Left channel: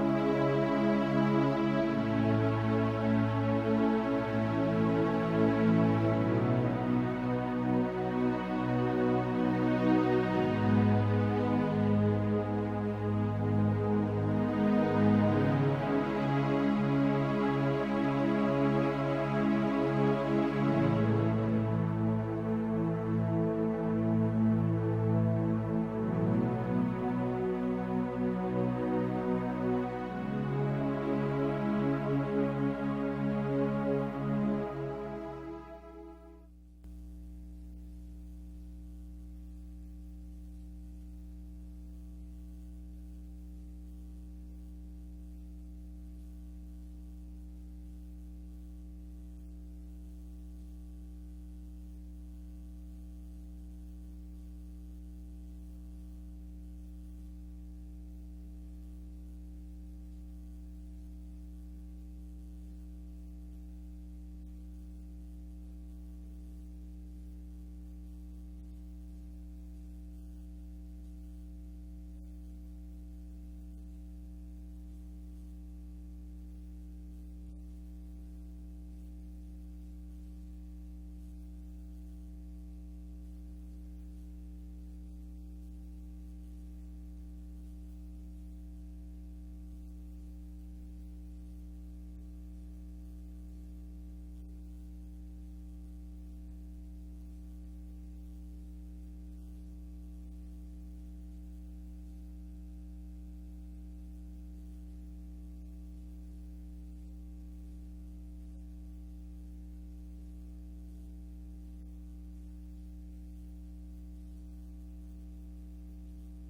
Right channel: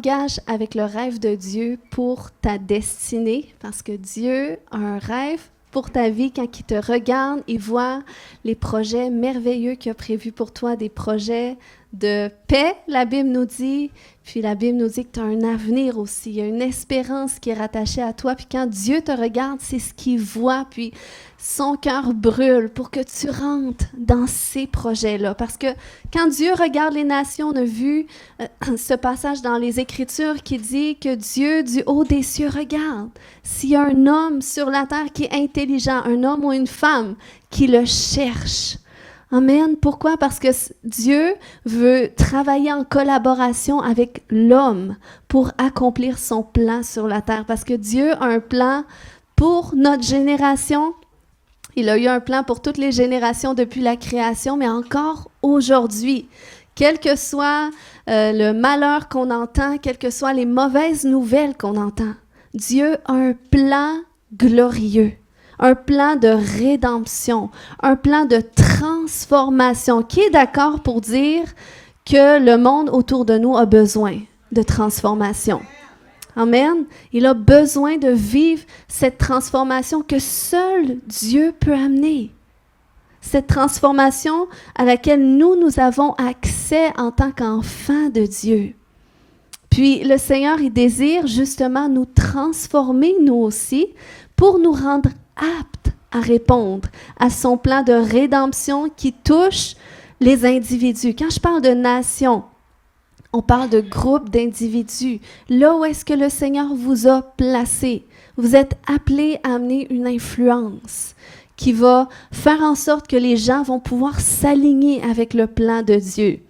engage avec le rêve de Dieu pour ta destinée, parce que Dieu a un rêve pour ta vie. Quand il te regarde, il voit les projets merveilleux qu'il a prévus pour toi, des projets de paix, la Bible nous dit. Puis la Bible nous dit que tu as un avenir aussi. Il y a une espérance qui est rattachée à toi. Puis quand Dieu te regarde, c'est ce qu'il voit. Puis son cœur brûle pour que tu rentres dans ces projets-là. Parce que quand Dieu regarde les nations, on a vu ce passage dans les Écritures qui dit que Dieu, du haut des cieux, regarde. S'il y a un homme sur la terre qui est intelligent, un homme ou une femme qui le cherche. Amen. Pourquoi? Parce que Dieu veut travailler en collaboration avec l'homme pour accomplir son plan sur la terre. Parce que Dieu a un plan pour notre génération. Il a eu un plan pour toutes les générations depuis la création, mais encore aujourd'hui. Quel que soit le malheur qu'on entend, quelles que soient les mauvaises nouvelles qu'on entend, Dieu a un plan glorieux. Un plan de rédemption, un plan de transformation. Qui est d'accord pour dire que le monde autour de nous a besoin de transformation? Amen. Il a besoin de vivre cette transformation que seul Dieu peut amener. Cette transformation à laquelle nous avons accès en tant qu'enfants de Dieu. Puis le Seigneur, il désire justement nous transformer, nous aussi, pour nous rendre aptes à répondre à son plan de rédemption qui touche les individus. Quand je parle de nation, on parle de groupe d'individus. Là où est-ce que le Seigneur vous a placé, vous êtes appelés à amener une influence qui va faire en sorte que les gens vont pouvoir s'aligner avec le plan de Dieu.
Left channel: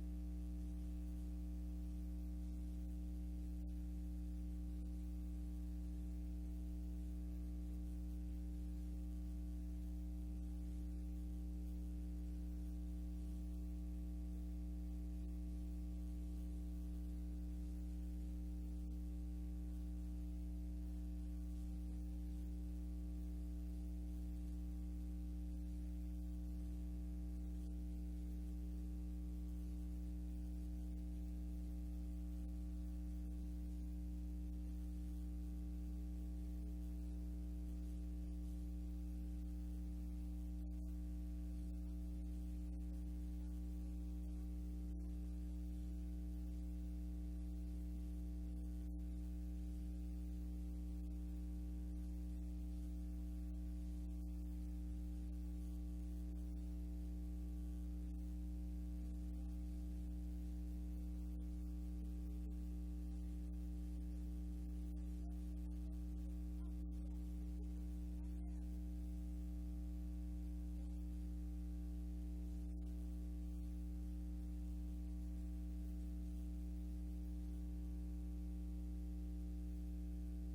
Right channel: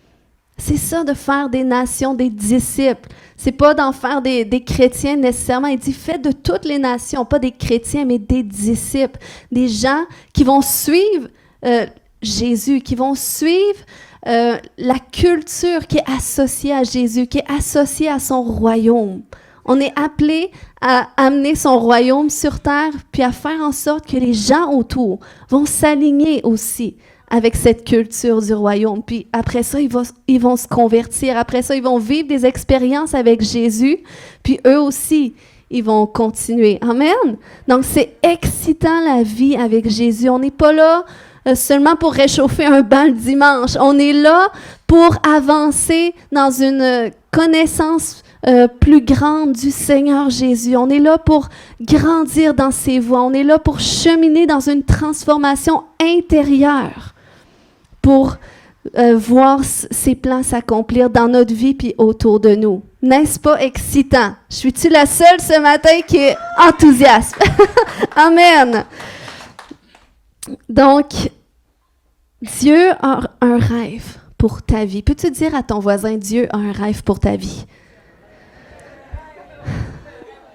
C'est ça de faire des nations, des disciples. C'est pas d'en faire des chrétiens nécessairement. Il dit, faites de toutes les nations, pas des chrétiens, mais des disciples. Des gens qui vont suivre Jésus, qui vont suivre la culture qui est associée à Jésus, qui est associée à son royaume. On est appelé à amener son royaume sur terre, puis à faire en sorte que les gens autour vont s'aligner aussi avec cette culture du royaume. Puis après ça, ils vont se convertir. Après ça, ils vont vivre des expériences avec Jésus. Puis eux aussi, ils vont continuer. Amen. Donc, c'est excitant la vie avec Jésus. On n'est pas là seulement pour réchauffer un banc le dimanche. On est là pour avancer dans une connaissance plus grande du Seigneur Jésus. On est là pour grandir dans ses voies. On est là pour cheminer dans une transformation intérieure, pour voir ses plans s'accomplir dans notre vie puis autour de nous. N'est-ce pas excitant? Suis-tu la seule ce matin qui est enthousiaste? Amen! Donc, Dieu a un rêve pour ta vie. Peux-tu dire à ton voisin, Dieu a un rêve pour ta vie?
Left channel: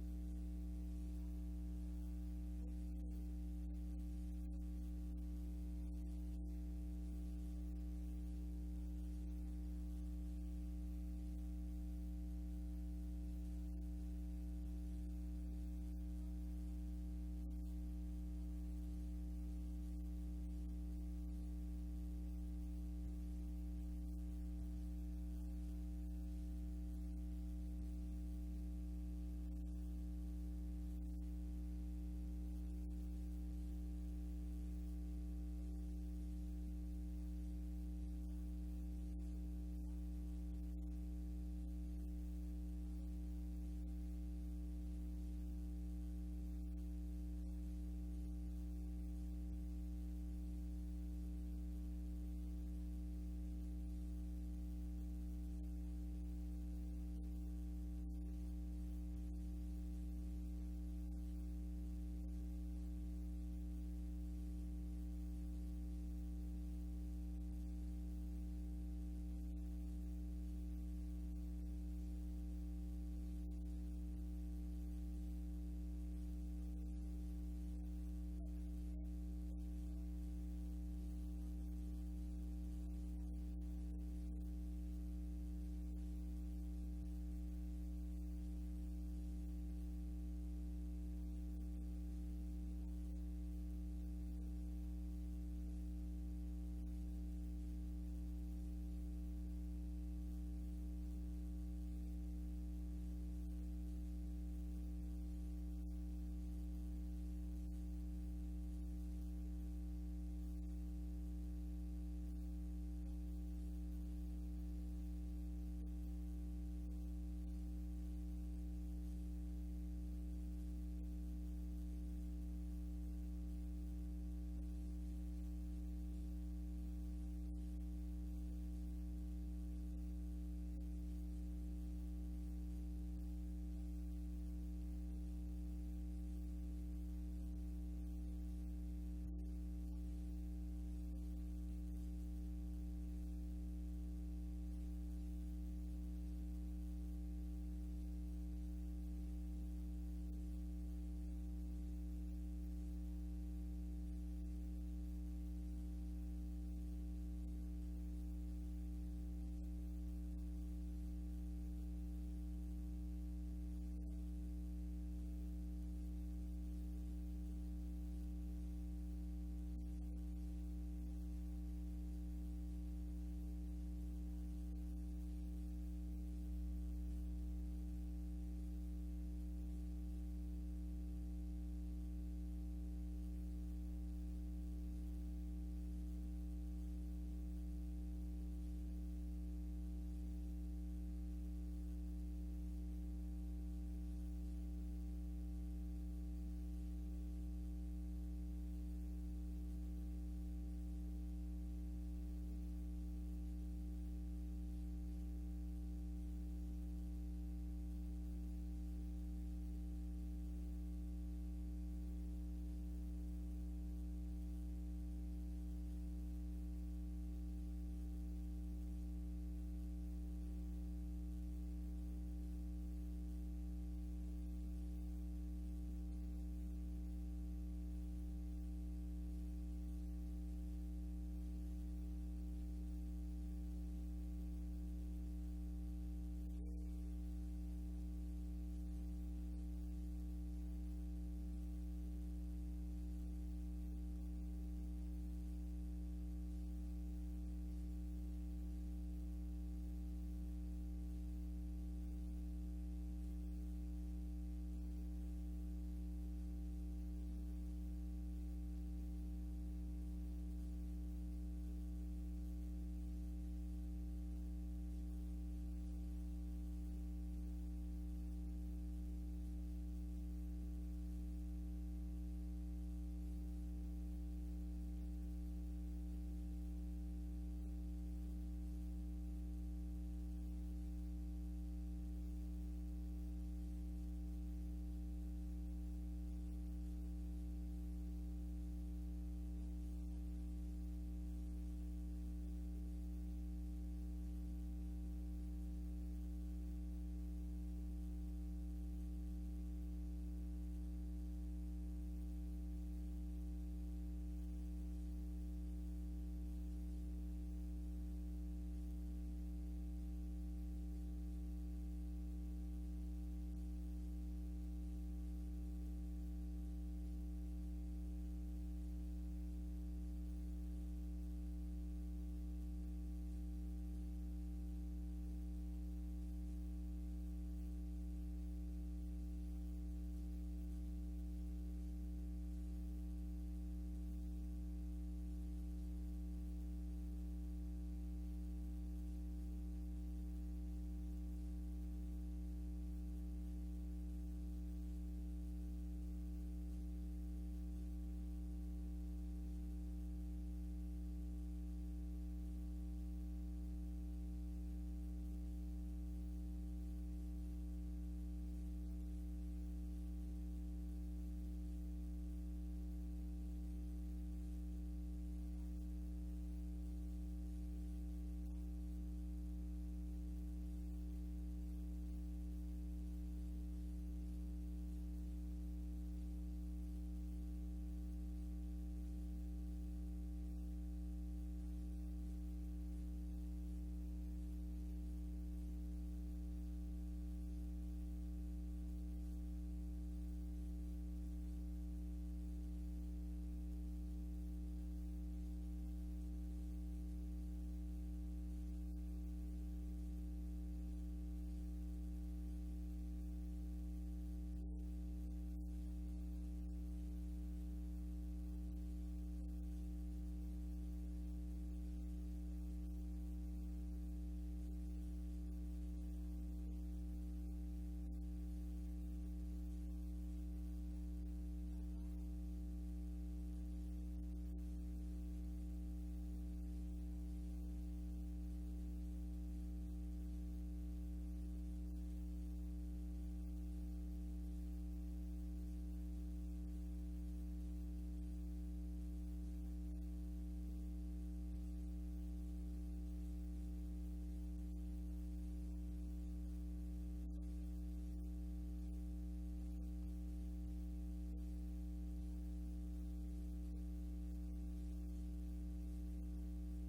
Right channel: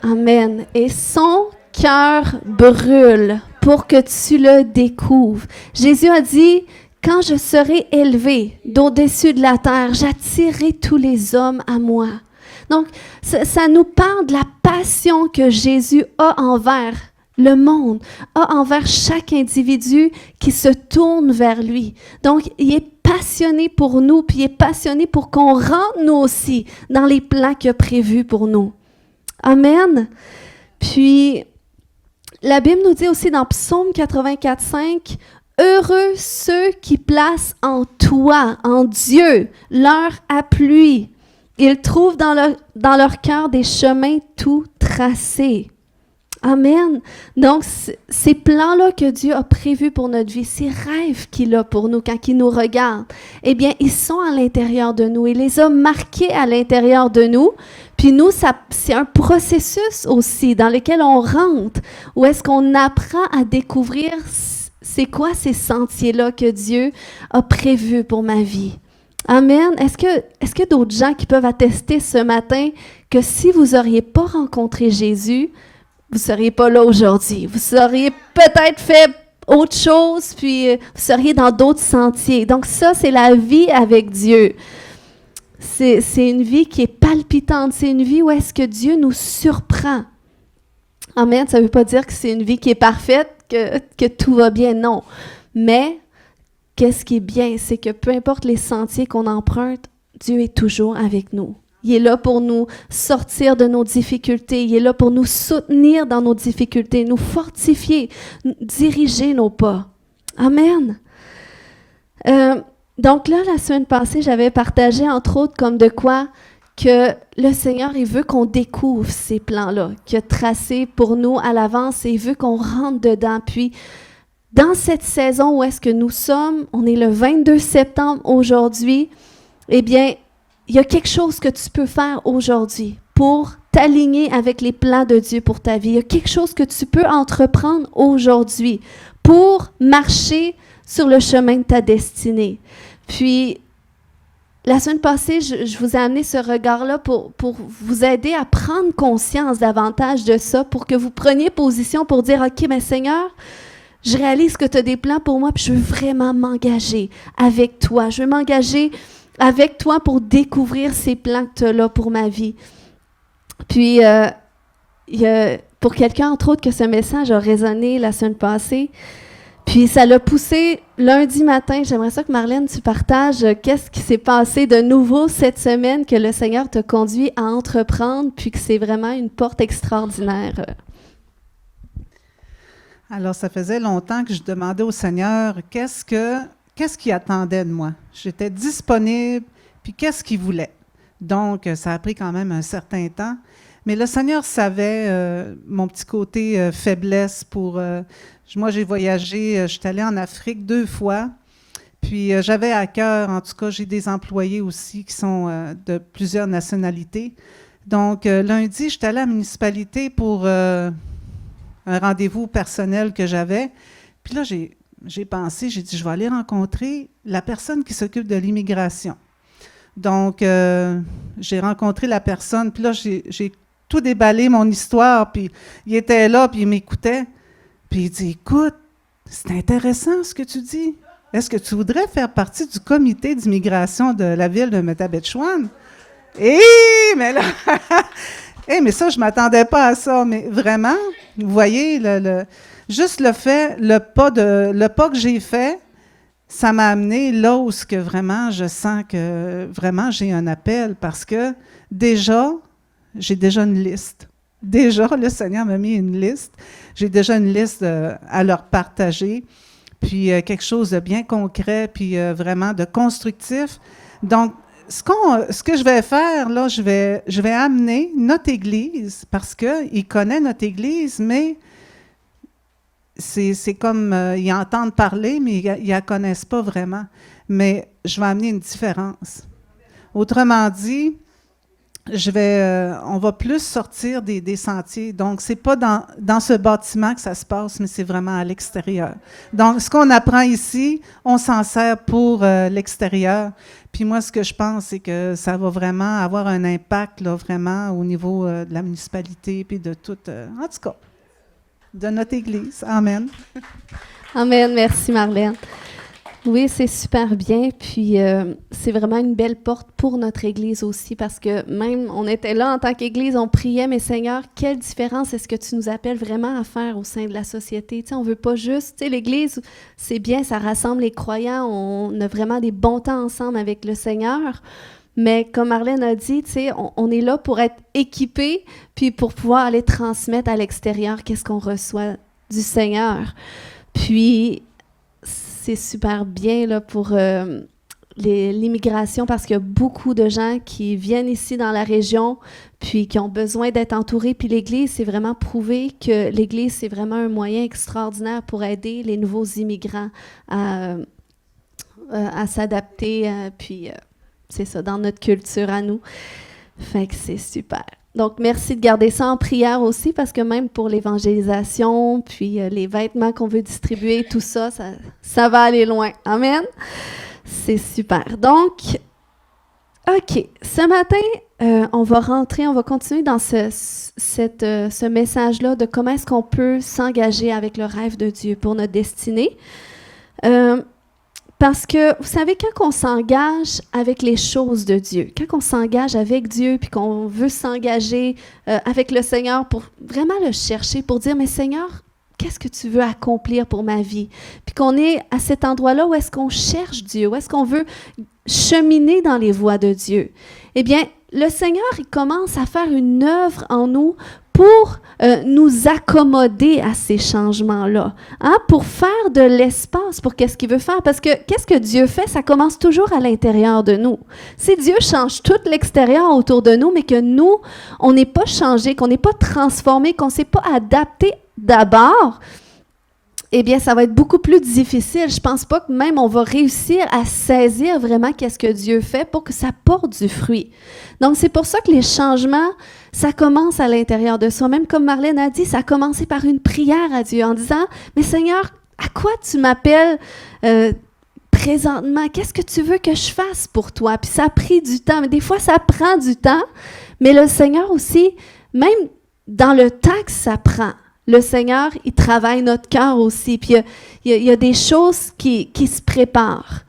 Amen. Et son cœur brûle pour que tu le découvres. Jésus a dit, quand je serai élevé d'au-dessus de la terre, j'attirerai tous les hommes à moi. Donc, ça nous parle de la passion que Jésus a envers le monde, a envers chaque individu qui se tourne vers lui. Donc, il est passionné pour nous, puis il est passionné pour qu'on rentre nous aussi dans les plans qu'il a prévus pour nous. Amen. Puis, la Bible nous dit aussi dans Psaume 84:5, « Heureux ceux qui placent en toi, en Dieu, leur appui. Ils trouvent dans leur cœur des chemins tout tracés. » Amen. Donc, ces plans-là que Dieu a prévus pour notre vie, ces rêves qu'il a pour nous quand il nous regarde, eh bien, ils sont à l'intérieur de nous. Il les a marqués à l'intérieur de nous. Puis nous, c'est un processus aussi dans lequel on rentre, où est-ce qu'on apprend à découvrir c'est quoi ces sentiers-là que Dieu a prévus pour ma vie. Amen. Est-ce qu'il y a d'autres gens qui peuvent attester ce matin que si vous n'auriez pas rencontré Jésus, vous ne seriez pas là aujourd'hui. Vous auriez peut-être fait autre chose, puis vous seriez dans d'autres sentiers. Donc ça, c'est la vie avec Dieu. C'est une vie qui est palpitante. C'est une vie où est-ce que Dieu nous surprend. Amen. Ça ne veut pas dire que c'est une vie qui est parfaite, que tout va bien, non. Mais qu'est-ce qui est bien, c'est que peu importe les sentiers qu'on emprunte, Dieu est toujours avec nous. Il est là pour nous sortir de nos difficultés. Il est là pour nous soutenir dans nos difficultés, nous fortifier, diriger nos pas. Amen. Donc là, la semaine passée, j'avais partagé, entre autres, comme de quoi que le Seigneur, il veut qu'on découvre ces plans-là, qu'il a tracés pour nous à l'avance et il veut qu'on rentre dedans. Puis, dans cette saison où est-ce que nous sommes, on est le 22 septembre aujourd'hui, eh bien, il y a quelque chose que tu peux faire aujourd'hui pour t'aligner avec les plans de Dieu pour ta vie. Il y a quelque chose que tu peux entreprendre aujourd'hui pour marcher sur le chemin de ta destinée. Puis, la semaine passée, je vous ai amené ce regard-là pour vous aider à prendre conscience davantage de ça, pour que vous preniez position pour dire, OK, mais Seigneur, je réalise que tu as des plans pour moi, puis je veux vraiment m'engager avec toi. Je veux m'engager avec toi pour découvrir ces plans que tu as là pour ma vie. Puis, il y a, pour quelqu'un, entre autres, que ce message a résonné la semaine passée, puis ça l'a poussé lundi matin. J'aimerais ça que Marlène, tu partages qu'est-ce qui s'est passé de nouveau cette semaine que le Seigneur t'a conduit à entreprendre, puis que c'est vraiment une porte extraordinaire. Alors, ça faisait longtemps que je demandais au Seigneur qu'est-ce qu'il attendait de moi. J'étais disponible, puis qu'est-ce qu'il voulait. Donc, ça a pris quand même un certain temps. Mais le Seigneur savait mon petit côté faiblesse pour... moi, j'ai voyagé, je suis allée en Afrique 2 fois, puis j'avais à cœur, en tout cas, j'ai des employés aussi qui sont de plusieurs nationalités. Donc, lundi, j'étais allée à la municipalité pour un rendez-vous personnel que j'avais. Puis là, j'ai pensé, j'ai dit, je vais aller rencontrer la personne qui s'occupe de l'immigration. Donc, j'ai rencontré la personne, puis là, j'ai tout déballé, mon histoire, puis il était là, puis il m'écoutait. Puis il dit, écoute, c'est intéressant ce que tu dis. Est-ce que tu voudrais faire partie du comité d'immigration de la ville de Métabetchouan? Mais là, mais ça, je ne m'attendais pas à ça. Mais vraiment, vous voyez, juste le pas que j'ai fait, ça m'a amené là où que vraiment je sens que vraiment j'ai un appel, parce que j'ai déjà une liste. Déjà, le Seigneur m'a mis une liste. J'ai déjà une liste à leur partager, puis quelque chose de bien concret, puis vraiment de constructif. Donc, ce que je vais faire, là, je vais amener notre Église, parce qu'il connaît notre Église, mais c'est comme, ils entendent parler, mais ils ne la connaissent pas vraiment. Mais je vais amener une différence. Autrement dit, on va plus sortir des sentiers. Donc, ce n'est pas dans ce bâtiment que ça se passe, mais c'est vraiment à l'extérieur. Donc, ce qu'on apprend ici, on s'en sert pour l'extérieur. Puis moi, ce que je pense, c'est que ça va vraiment avoir un impact, là, vraiment, au niveau de la municipalité, puis de tout, en tout cas, de notre Église. Amen. Amen. Merci, Marlène. Oui, c'est super bien, puis c'est vraiment une belle porte pour notre Église aussi, parce que même, on était là en tant qu'Église, on priait, mais Seigneur, quelle différence est-ce que tu nous appelles vraiment à faire au sein de la société? Tu sais, on ne veut pas juste, tu sais, l'Église, c'est bien, ça rassemble les croyants, on a vraiment des bons temps ensemble avec le Seigneur, mais comme Marlène a dit, tu sais, on est là pour être équipés, puis pour pouvoir aller transmettre à l'extérieur qu'est-ce qu'on reçoit du Seigneur. Puis, c'est super bien là, pour l'immigration, parce qu'il y a beaucoup de gens qui viennent ici dans la région puis qui ont besoin d'être entourés. Puis l'Église, c'est vraiment prouvé que l'Église, c'est vraiment un moyen extraordinaire pour aider les nouveaux immigrants à s'adapter. Puis c'est ça, dans notre culture à nous. Fait que c'est super. Donc, merci de garder ça en prière aussi, parce que même pour l'évangélisation, puis les vêtements qu'on veut distribuer, tout ça, ça va aller loin. Amen? C'est super. Donc, OK. Ce matin, on va continuer dans ce message-là de comment est-ce qu'on peut s'engager avec le rêve de Dieu pour notre destinée. Parce que, vous savez, quand on s'engage avec les choses de Dieu, quand on s'engage avec Dieu, puis qu'on veut s'engager avec le Seigneur pour vraiment le chercher, pour dire, mais Seigneur, qu'est-ce que tu veux accomplir pour ma vie? Puis qu'on est à cet endroit-là où est-ce qu'on cherche Dieu, où est-ce qu'on veut cheminer dans les voies de Dieu. Eh bien, le Seigneur, il commence à faire une œuvre en nous pour nous accommoder à ces changements-là, hein, pour faire de l'espace pour qu'est-ce qu'il veut faire. Parce que qu'est-ce que Dieu fait? Ça commence toujours à l'intérieur de nous. Si Dieu change tout l'extérieur autour de nous, mais que nous, on n'est pas changé, qu'on n'est pas transformé, qu'on ne s'est pas adapté d'abord, eh bien, ça va être beaucoup plus difficile. Je ne pense pas que même on va réussir à saisir vraiment qu'est-ce que Dieu fait pour que ça porte du fruit. Donc, c'est pour ça que les changements, ça commence à l'intérieur de soi. Même comme Marlène a dit, ça a commencé par une prière à Dieu en disant, « Mais Seigneur, à quoi tu m'appelles présentement? Qu'est-ce que tu veux que je fasse pour toi? » Puis ça a pris du temps. Mais des fois, ça prend du temps. Mais le Seigneur aussi, même dans le temps que ça prend, le Seigneur, il travaille notre cœur aussi. Puis il y a des choses qui se préparent.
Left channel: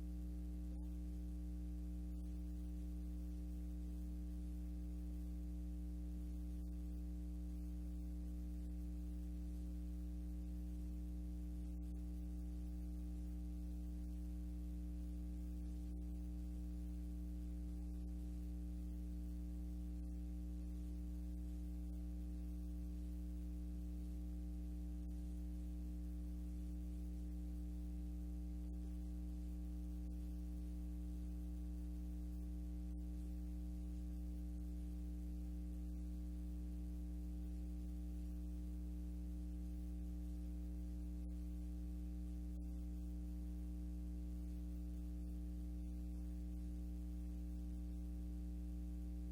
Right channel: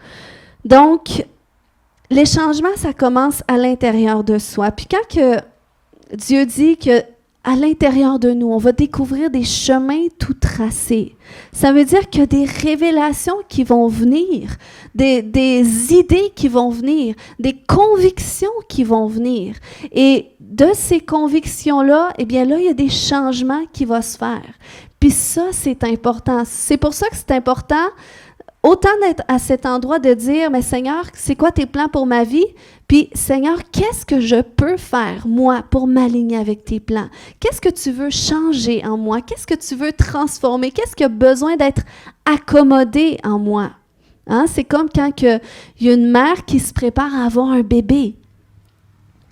Donc, les changements, ça commence à l'intérieur de soi. Puis quand que Dieu dit qu'à l'intérieur de nous, on va découvrir des chemins tout tracés, ça veut dire qu'il y a des révélations qui vont venir, des idées qui vont venir, des convictions qui vont venir. Et de ces convictions-là, eh bien là, il y a des changements qui vont se faire. Puis ça, c'est important. C'est pour ça que c'est important, autant d'être à cet endroit de dire, mais Seigneur, c'est quoi tes plans pour ma vie? Puis Seigneur, qu'est-ce que je peux faire, moi, pour m'aligner avec tes plans? Qu'est-ce que tu veux changer en moi? Qu'est-ce que tu veux transformer? Qu'est-ce qui a besoin d'être accommodé en moi? Hein? C'est comme quand il y a une mère qui se prépare à avoir un bébé.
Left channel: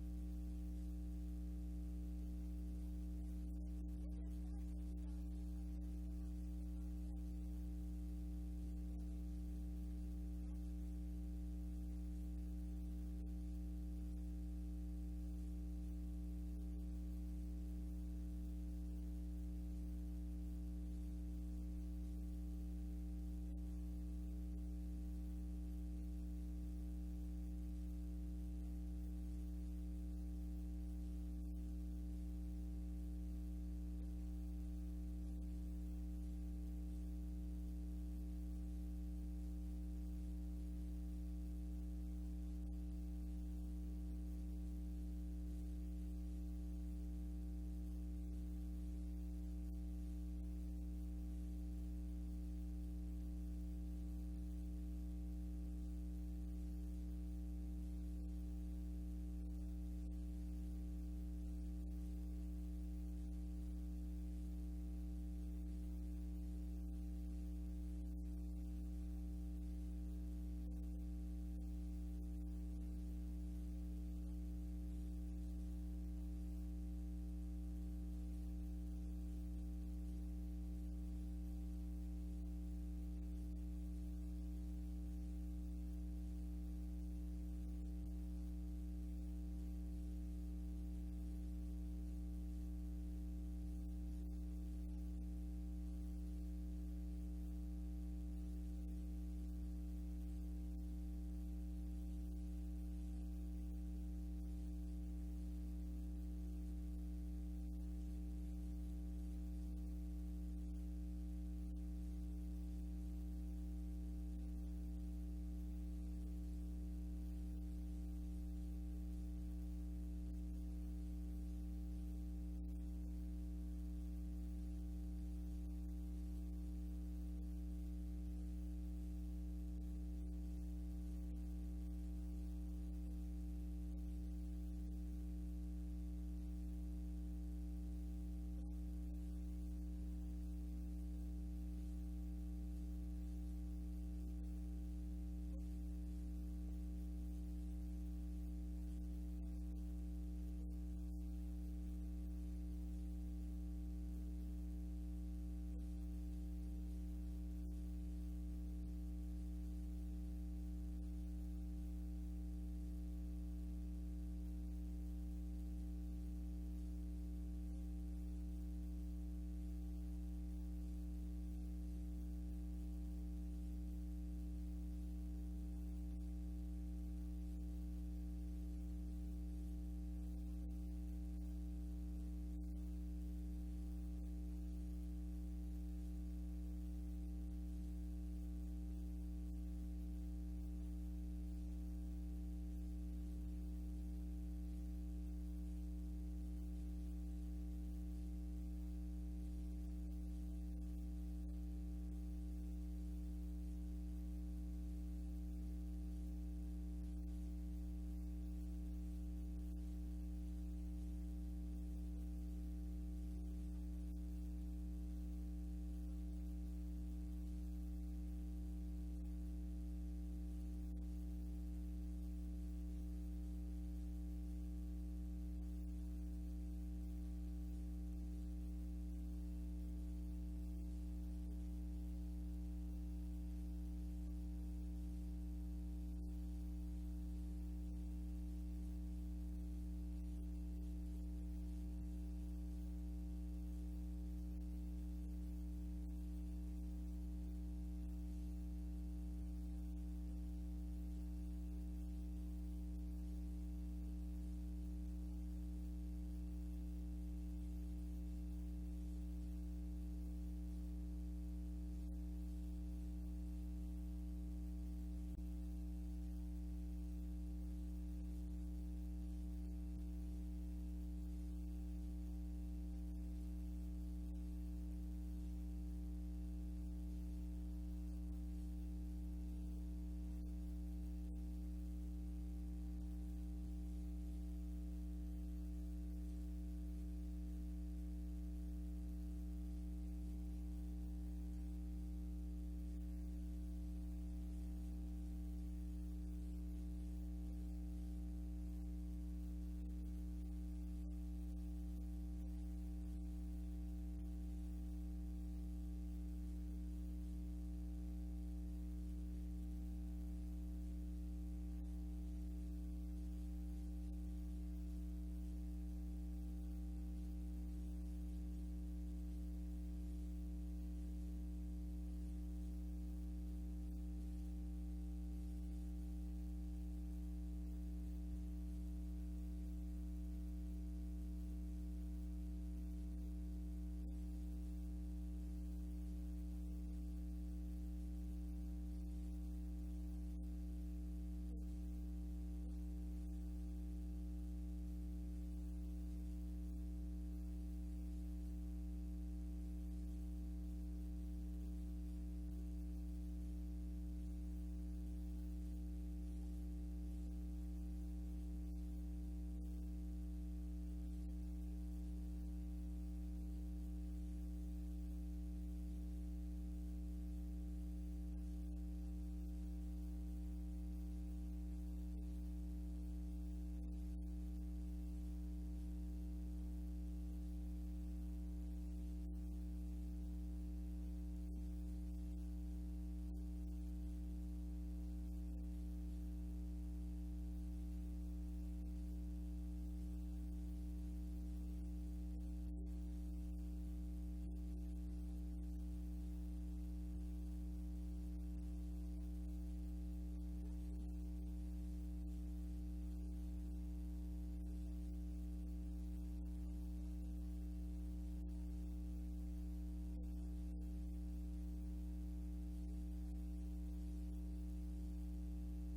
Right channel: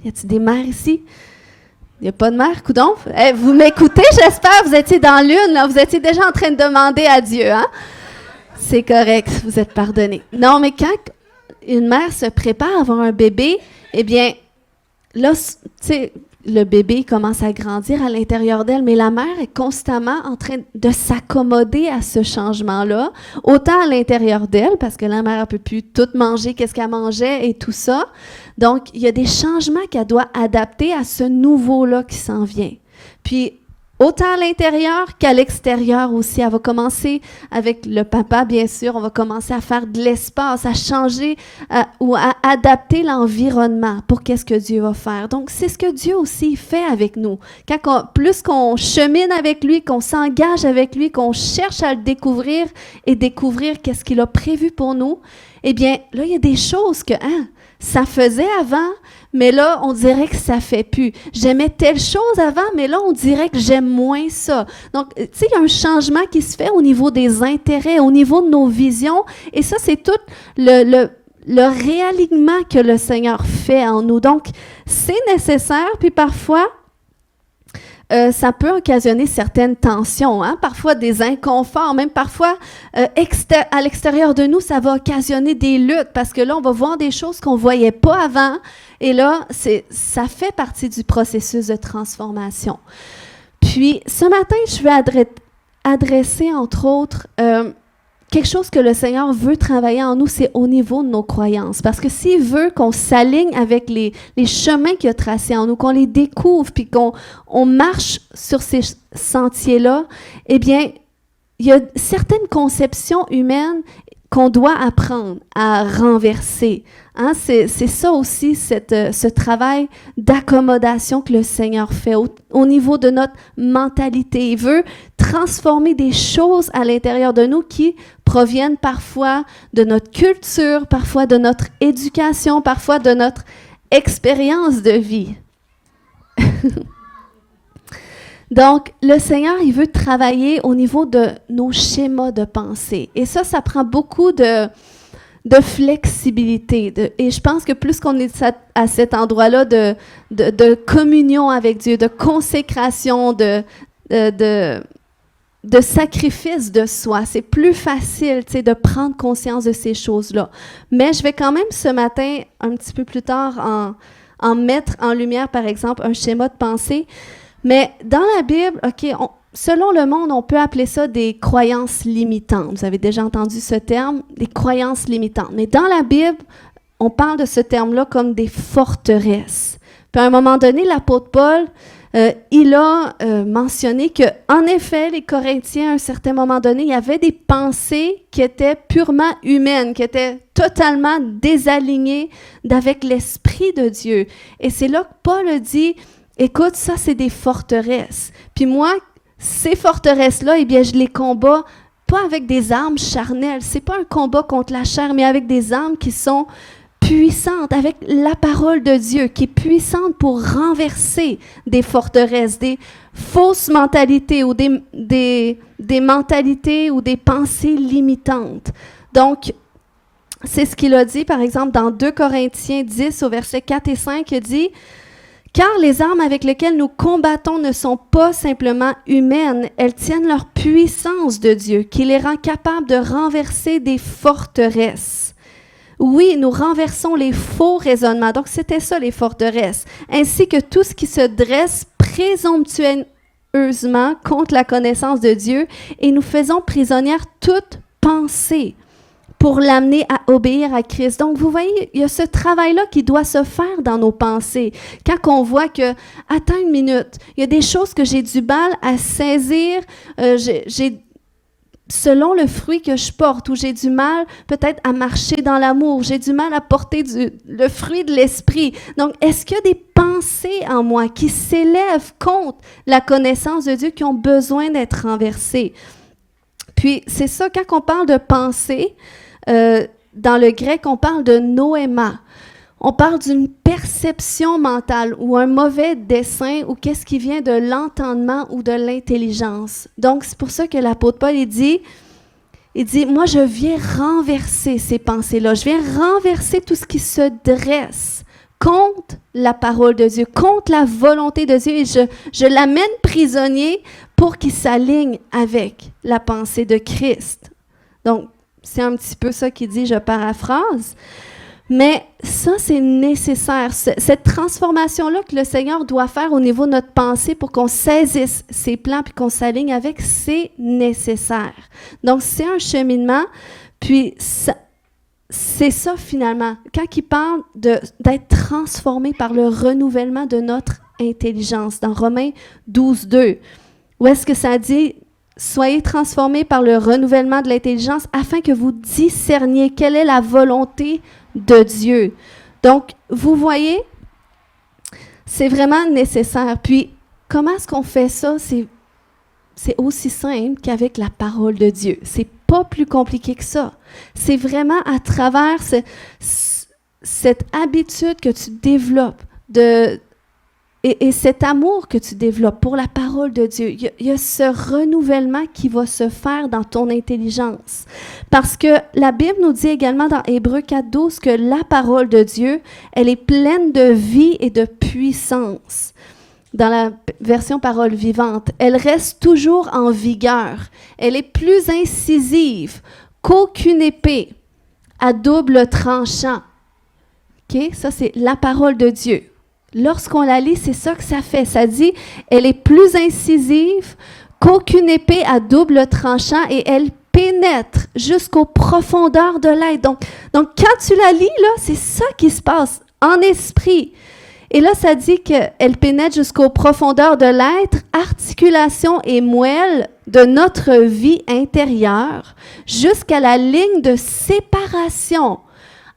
Y a-t-il des mères ici? Il n'y a pas de mère, coudonc? Vous m'écoutez, j'espère, vous étiez dans l'une, là, vous étiez déjà en train de demander à Dieu, hein? C'est correct, vous êtes pardonnés. Non, mais quand une mère se prépare à avoir un bébé, eh bien, là, tu sais, le bébé commence à grandir à l'intérieur d'elle, mais la mère est constamment en train de s'accommoder à ce changement-là, autant à l'intérieur d'elle, parce que la mère ne peut plus tout manger, qu'est-ce qu'elle mangeait et tout ça. Donc, il y a des changements qu'elle doit adapter à ce nouveau-là qui s'en vient. Puis, autant à l'intérieur qu'à l'extérieur aussi. Elle va commencer avec le papa, bien sûr. On va commencer à faire de l'espace, à changer ou à adapter l'environnement pour qu'est-ce que Dieu va faire. Donc, c'est ce que Dieu aussi fait avec nous. Plus qu'on chemine avec lui, qu'on s'engage avec lui, qu'on cherche à le découvrir et découvrir qu'est-ce qu'il a prévu pour nous, eh bien, là, il y a des choses que ça faisait avant, mais là, on dirait que ça ne fait plus. J'aimais telle chose avant, mais là, on dirait que j'aime moins ça. Donc, tu sais, il y a un changement qui se fait au niveau des intérêts, au niveau de nos visions, et ça, c'est tout le réalignement que le Seigneur fait en nous. Donc, c'est nécessaire, puis parfois, ça peut occasionner certaines tensions, hein? Parfois des inconforts, même parfois à l'extérieur de nous, ça va occasionner des luttes parce que là, on va voir des choses qu'on ne voyait pas avant et là, ça fait partie du processus de transformation. Puis, ce matin, je vais adresser, entre autres, quelque chose que le Seigneur veut travailler en nous, c'est au niveau de nos croyances. Parce que s'il veut qu'on s'aligne avec les chemins qu'il a tracés en nous, qu'on les découvre, puis qu'on marche sur ces sentiers-là, eh bien, il y a certaines conceptions humaines qu'on doit apprendre à renverser. Hein? C'est ça aussi, ce travail d'accommodation que le Seigneur fait au niveau de notre mentalité. Il veut transformer des choses à l'intérieur de nous qui proviennent parfois de notre culture, parfois de notre éducation, parfois de notre expérience de vie. Donc, le Seigneur, il veut travailler au niveau de nos schémas de pensée. Et ça prend beaucoup de flexibilité. Et je pense que plus qu'on est à cet endroit-là de communion avec Dieu, de consécration, de sacrifice de soi, c'est plus facile de prendre conscience de ces choses-là. Mais je vais quand même ce matin, un petit peu plus tard, en mettre en lumière, par exemple, un schéma de pensée. Mais dans la Bible, selon le monde, on peut appeler ça des croyances limitantes. Vous avez déjà entendu ce terme, des croyances limitantes. Mais dans la Bible, on parle de ce terme-là comme des forteresses. Puis à un moment donné, l'apôtre Paul, il a mentionné qu'en effet, les Corinthiens, à un certain moment donné, il y avait des pensées qui étaient purement humaines, qui étaient totalement désalignées d'avec l'Esprit de Dieu. Et c'est là que Paul dit, écoute, ça, c'est des forteresses. Puis moi, ces forteresses-là, eh bien, je les combats pas avec des armes charnelles. C'est pas un combat contre la chair, mais avec des armes qui sont puissante, avec la parole de Dieu qui est puissante pour renverser des forteresses, des fausses mentalités ou des mentalités ou des pensées limitantes. Donc, c'est ce qu'il a dit, par exemple, dans 2 Corinthiens 10, au verset 4 et 5, il dit « Car les armes avec lesquelles nous combattons ne sont pas simplement humaines, elles tiennent leur puissance de Dieu, qui les rend capables de renverser des forteresses. » Oui, nous renversons les faux raisonnements. Donc, c'était ça, les forteresses. Ainsi que tout ce qui se dresse présomptueusement contre la connaissance de Dieu, et nous faisons prisonnière toute pensée pour l'amener à obéir à Christ. Donc, vous voyez, il y a ce travail-là qui doit se faire dans nos pensées. Quand on voit que, attends une minute, il y a des choses que j'ai du mal à saisir, selon le fruit que je porte, ou j'ai du mal peut-être à marcher dans l'amour, j'ai du mal à porter le fruit de l'esprit. Donc, est-ce qu'il y a des pensées en moi qui s'élèvent contre la connaissance de Dieu, qui ont besoin d'être renversées? Puis, c'est ça, quand on parle de pensée, dans le grec, on parle de noéma. On parle d'une perception mentale ou un mauvais dessein ou qu'est-ce qui vient de l'entendement ou de l'intelligence. Donc, c'est pour ça que l'apôtre Paul, il dit, moi, je viens renverser ces pensées-là. Je viens renverser tout ce qui se dresse contre la parole de Dieu, contre la volonté de Dieu. Et je l'amène prisonnier pour qu'il s'aligne avec la pensée de Christ. Donc, c'est un petit peu ça qu'il dit, je paraphrase. Mais ça, c'est nécessaire. Cette transformation-là que le Seigneur doit faire au niveau de notre pensée pour qu'on saisisse ses plans puis qu'on s'aligne avec, c'est nécessaire. Donc, c'est un cheminement. Puis, c'est ça, finalement. Quand il parle d'être transformé par le renouvellement de notre intelligence, dans Romains 12, 2, où est-ce que ça dit « Soyez transformés par le renouvellement de l'intelligence afin que vous discerniez quelle est la volonté de Dieu. » Donc, vous voyez, c'est vraiment nécessaire. Puis, comment est-ce qu'on fait ça? C'est aussi simple qu'avec la parole de Dieu. C'est pas plus compliqué que ça. C'est vraiment à travers cette habitude que tu développes et cet amour que tu développes pour la parole de Dieu. Il y a ce renouvellement qui va se faire dans ton intelligence. Parce que la Bible nous dit également dans Hébreux 4.12 que la parole de Dieu, elle est pleine de vie et de puissance. Dans la version parole vivante, elle reste toujours en vigueur. Elle est plus incisive qu'aucune épée à double tranchant. OK? Ça, c'est la parole de Dieu. Lorsqu'on la lit, c'est ça que ça fait. Ça dit, elle est plus incisive qu'aucune épée à double tranchant et elle pénètre jusqu'aux profondeurs de l'être. Donc, quand tu la lis, là, c'est ça qui se passe en esprit. Et là, ça dit qu'elle pénètre jusqu'aux profondeurs de l'être, articulation et moelle de notre vie intérieure, jusqu'à la ligne de séparation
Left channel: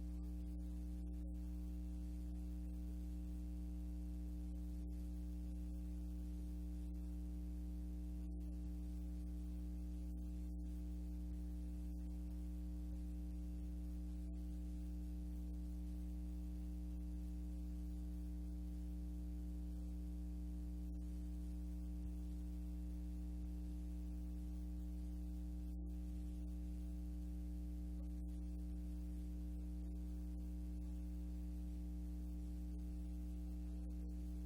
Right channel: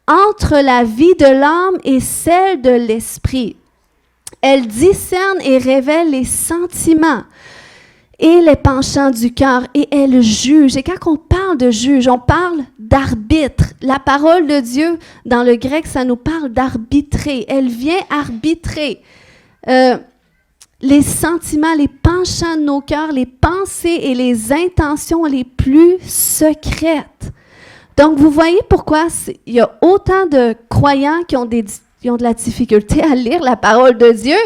entre la vie de l'âme et celle de l'esprit. Elle discerne et révèle les sentiments et les penchants du cœur et elle juge. Et quand on parle de juge, on parle d'arbitre. La parole de Dieu, dans le grec, ça nous parle d'arbitrer. Elle vient arbitrer les sentiments, les penchants de nos cœurs, les pensées et les intentions les plus secrètes. Donc, vous voyez pourquoi il y a autant de croyants qui ont de la difficulté à lire la parole de Dieu.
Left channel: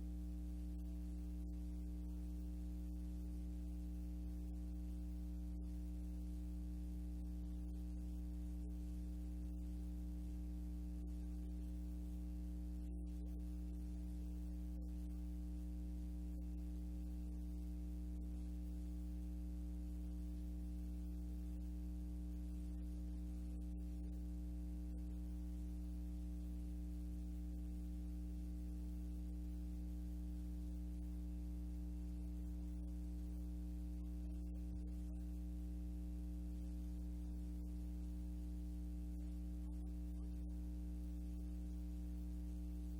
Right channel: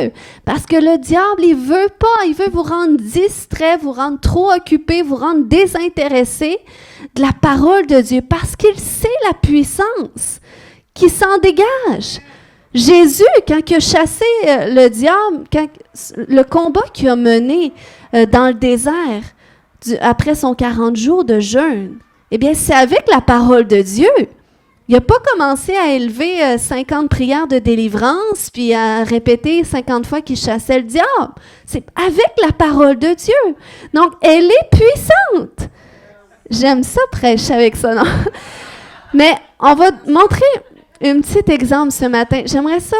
Parce que le diable, il veut pas. Il veut vous rendre distrait, vous rendre trop occupé, vous rendre désintéressé de la parole de Dieu. Parce qu'il sait la puissance qui s'en dégage. Jésus, quand il a chassé le diable, le combat qu'il a mené dans le désert, après son 40 jours de jeûne, eh bien, c'est avec la parole de Dieu. Il n'a pas commencé à élever 50 prières de délivrance, puis à répéter 50 fois qu'il chassait le diable. C'est avec la parole de Dieu. Donc, elle est puissante. J'aime ça, prêcher avec ça, non? Mais on va montrer un petit exemple ce matin. J'aimerais ça.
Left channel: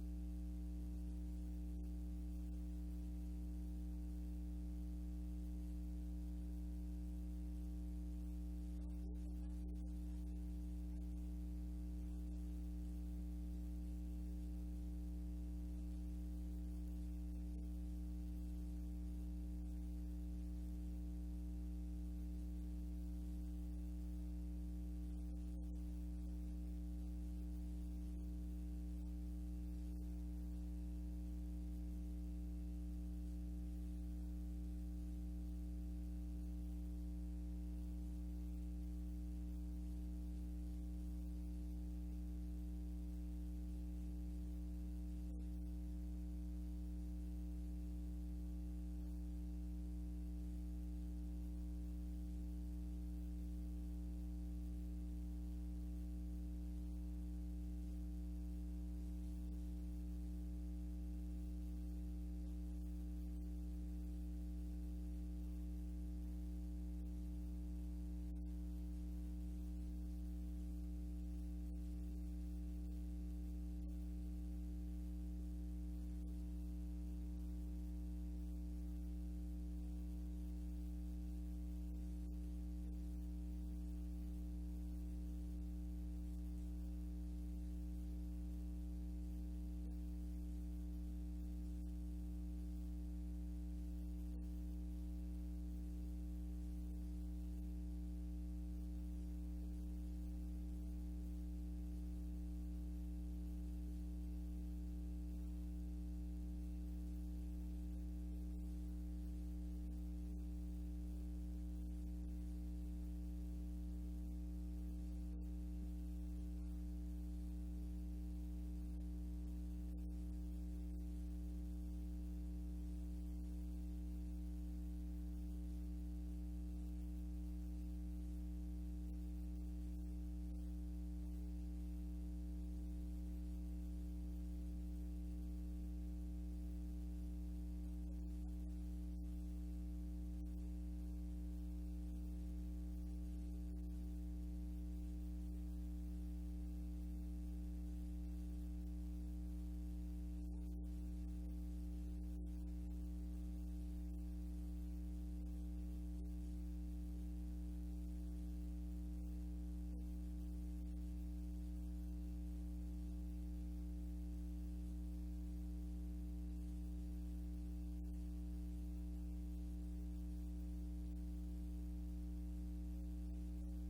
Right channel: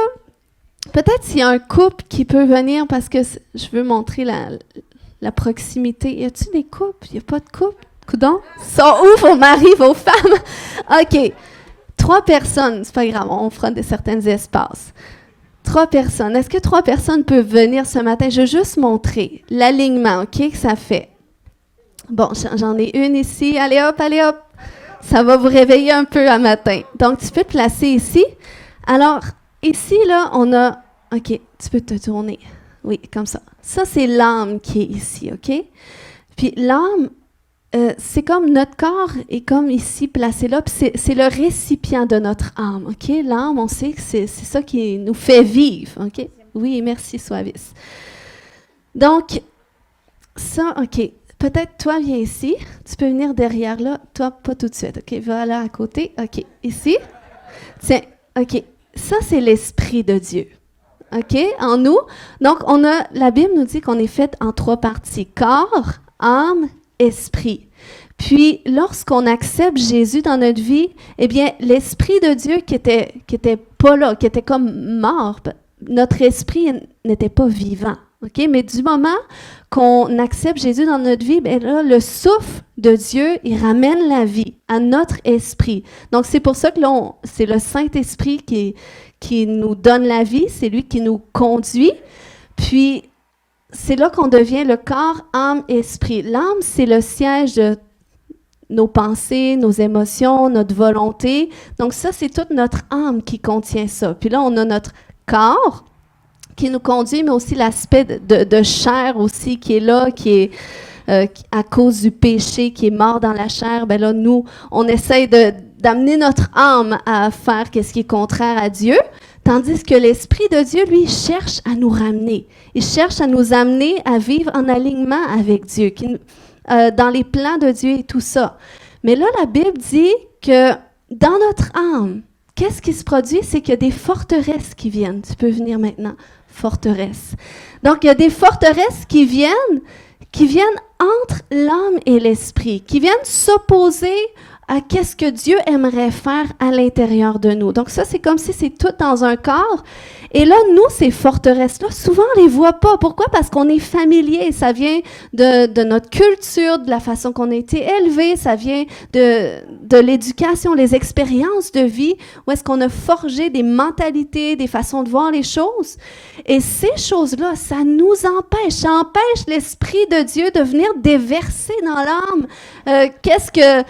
Peut-être s'il y a un couple qui peut venir, parce que je veux montrer la proximité. Y a-t-il des couples? Il n'y a pas de couple? Coudon? Sont où vos maris, vos femmes? OK. 3 personnes, c'est pas grave, on fera certains espaces. 3 personnes. Est-ce que 3 personnes peuvent venir ce matin? Je veux juste montrer l'alignement, OK, que ça fait. Bon, j'en ai une ici. Allez hop, allez hop. Ça va vous réveiller un peu à matin. Donc, tu peux te placer ici. Alors, ici, là, on a... OK, tu peux te tourner. Oui, comme ça. Ça, c'est l'âme qui est ici, OK? Puis l'âme, c'est comme notre corps est comme ici placé là, puis c'est le récipient de notre âme, OK? L'âme, on sait que c'est ça qui nous fait vivre, OK? Oui, merci, Suavis. Donc, ça, OK. Peut-être toi, viens ici. Tu peux venir derrière là. Toi, pas tout de suite, OK? Va là à côté. OK, ici. Tiens, OK. Ça, c'est l'Esprit de Dieu. OK? En nous. Donc, la Bible nous dit qu'on est fait en 3 parties. Corps, âme, esprit. Puis, lorsqu'on accepte Jésus dans notre vie, eh bien, l'Esprit de Dieu qui était pas là, qui était comme mort, notre esprit n'était pas vivant. OK? Mais du moment qu'on accepte Jésus dans notre vie, bien là, le souffle de Dieu, il ramène la vie à notre esprit. Donc, c'est pour ça que là, c'est le Saint-Esprit qui nous donne la vie, c'est lui qui nous conduit. Puis, c'est là qu'on devient le corps, âme, esprit. L'âme, c'est le siège de nos pensées, nos émotions, notre volonté. Donc ça, c'est toute notre âme qui contient ça. Puis là, on a notre corps qui nous conduit, mais aussi l'aspect de chair aussi qui est là, qui est à cause du péché, qui est mort dans la chair. Bien là, nous, on essaye d'amener notre âme à faire ce qui est contraire à Dieu, tandis que l'Esprit de Dieu, lui, cherche à nous ramener. Il cherche à nous amener à vivre en alignement avec Dieu, dans les plans de Dieu et tout ça. Mais là, la Bible dit que dans notre âme, qu'est-ce qui se produit? C'est qu'il y a des forteresses qui viennent. Tu peux venir maintenant. Forteresses. Donc, il y a des forteresses qui viennent entre l'âme et l'esprit, qui viennent s'opposer à qu'est-ce que Dieu aimerait faire à l'intérieur de nous. Donc ça, c'est comme si c'est tout dans un corps. Et là, nous, ces forteresses-là, souvent, on ne les voit pas. Pourquoi? Parce qu'on est familier. Ça vient de notre culture, de la façon qu'on a été élevé. Ça vient de l'éducation, les expériences de vie, où est-ce qu'on a forgé des mentalités, des façons de voir les choses. Et ces choses-là, ça nous empêche. Ça empêche l'Esprit de Dieu de venir déverser dans l'âme qu'est-ce que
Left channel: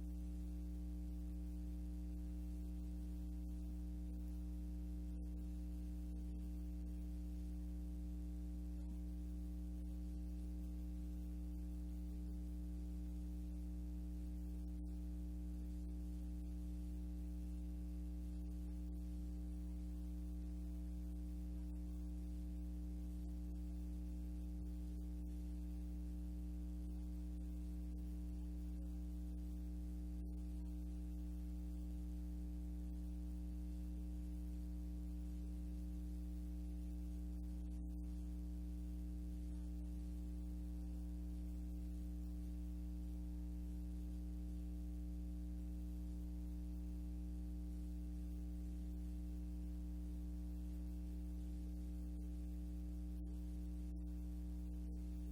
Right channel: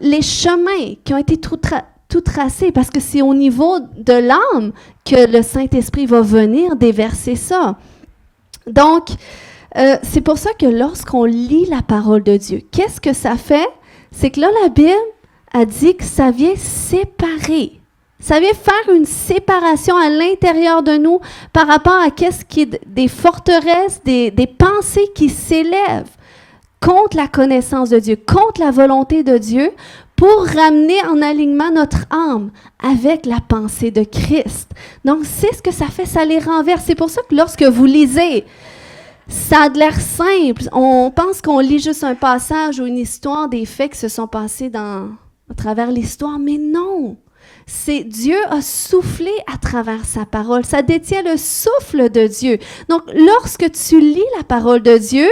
les chemins qui ont été tout tracés, parce que c'est au niveau de l'âme que le Saint-Esprit va venir déverser ça. Donc, c'est pour ça que lorsqu'on lit la parole de Dieu, qu'est-ce que ça fait? C'est que là, la Bible a dit que ça vient séparer. Ça vient faire une séparation à l'intérieur de nous par rapport à qu'est-ce qui est des forteresses, des pensées qui s'élèvent contre la connaissance de Dieu, contre la volonté de Dieu, pour ramener en alignement notre âme avec la pensée de Christ. Donc, c'est ce que ça fait, ça les renverse. C'est pour ça que lorsque vous lisez, ça a l'air simple. On pense qu'on lit juste un passage ou une histoire des faits qui se sont passés à travers l'histoire, mais non. C'est Dieu a soufflé à travers sa parole. Ça détient le souffle de Dieu. Donc, lorsque tu lis la parole de Dieu,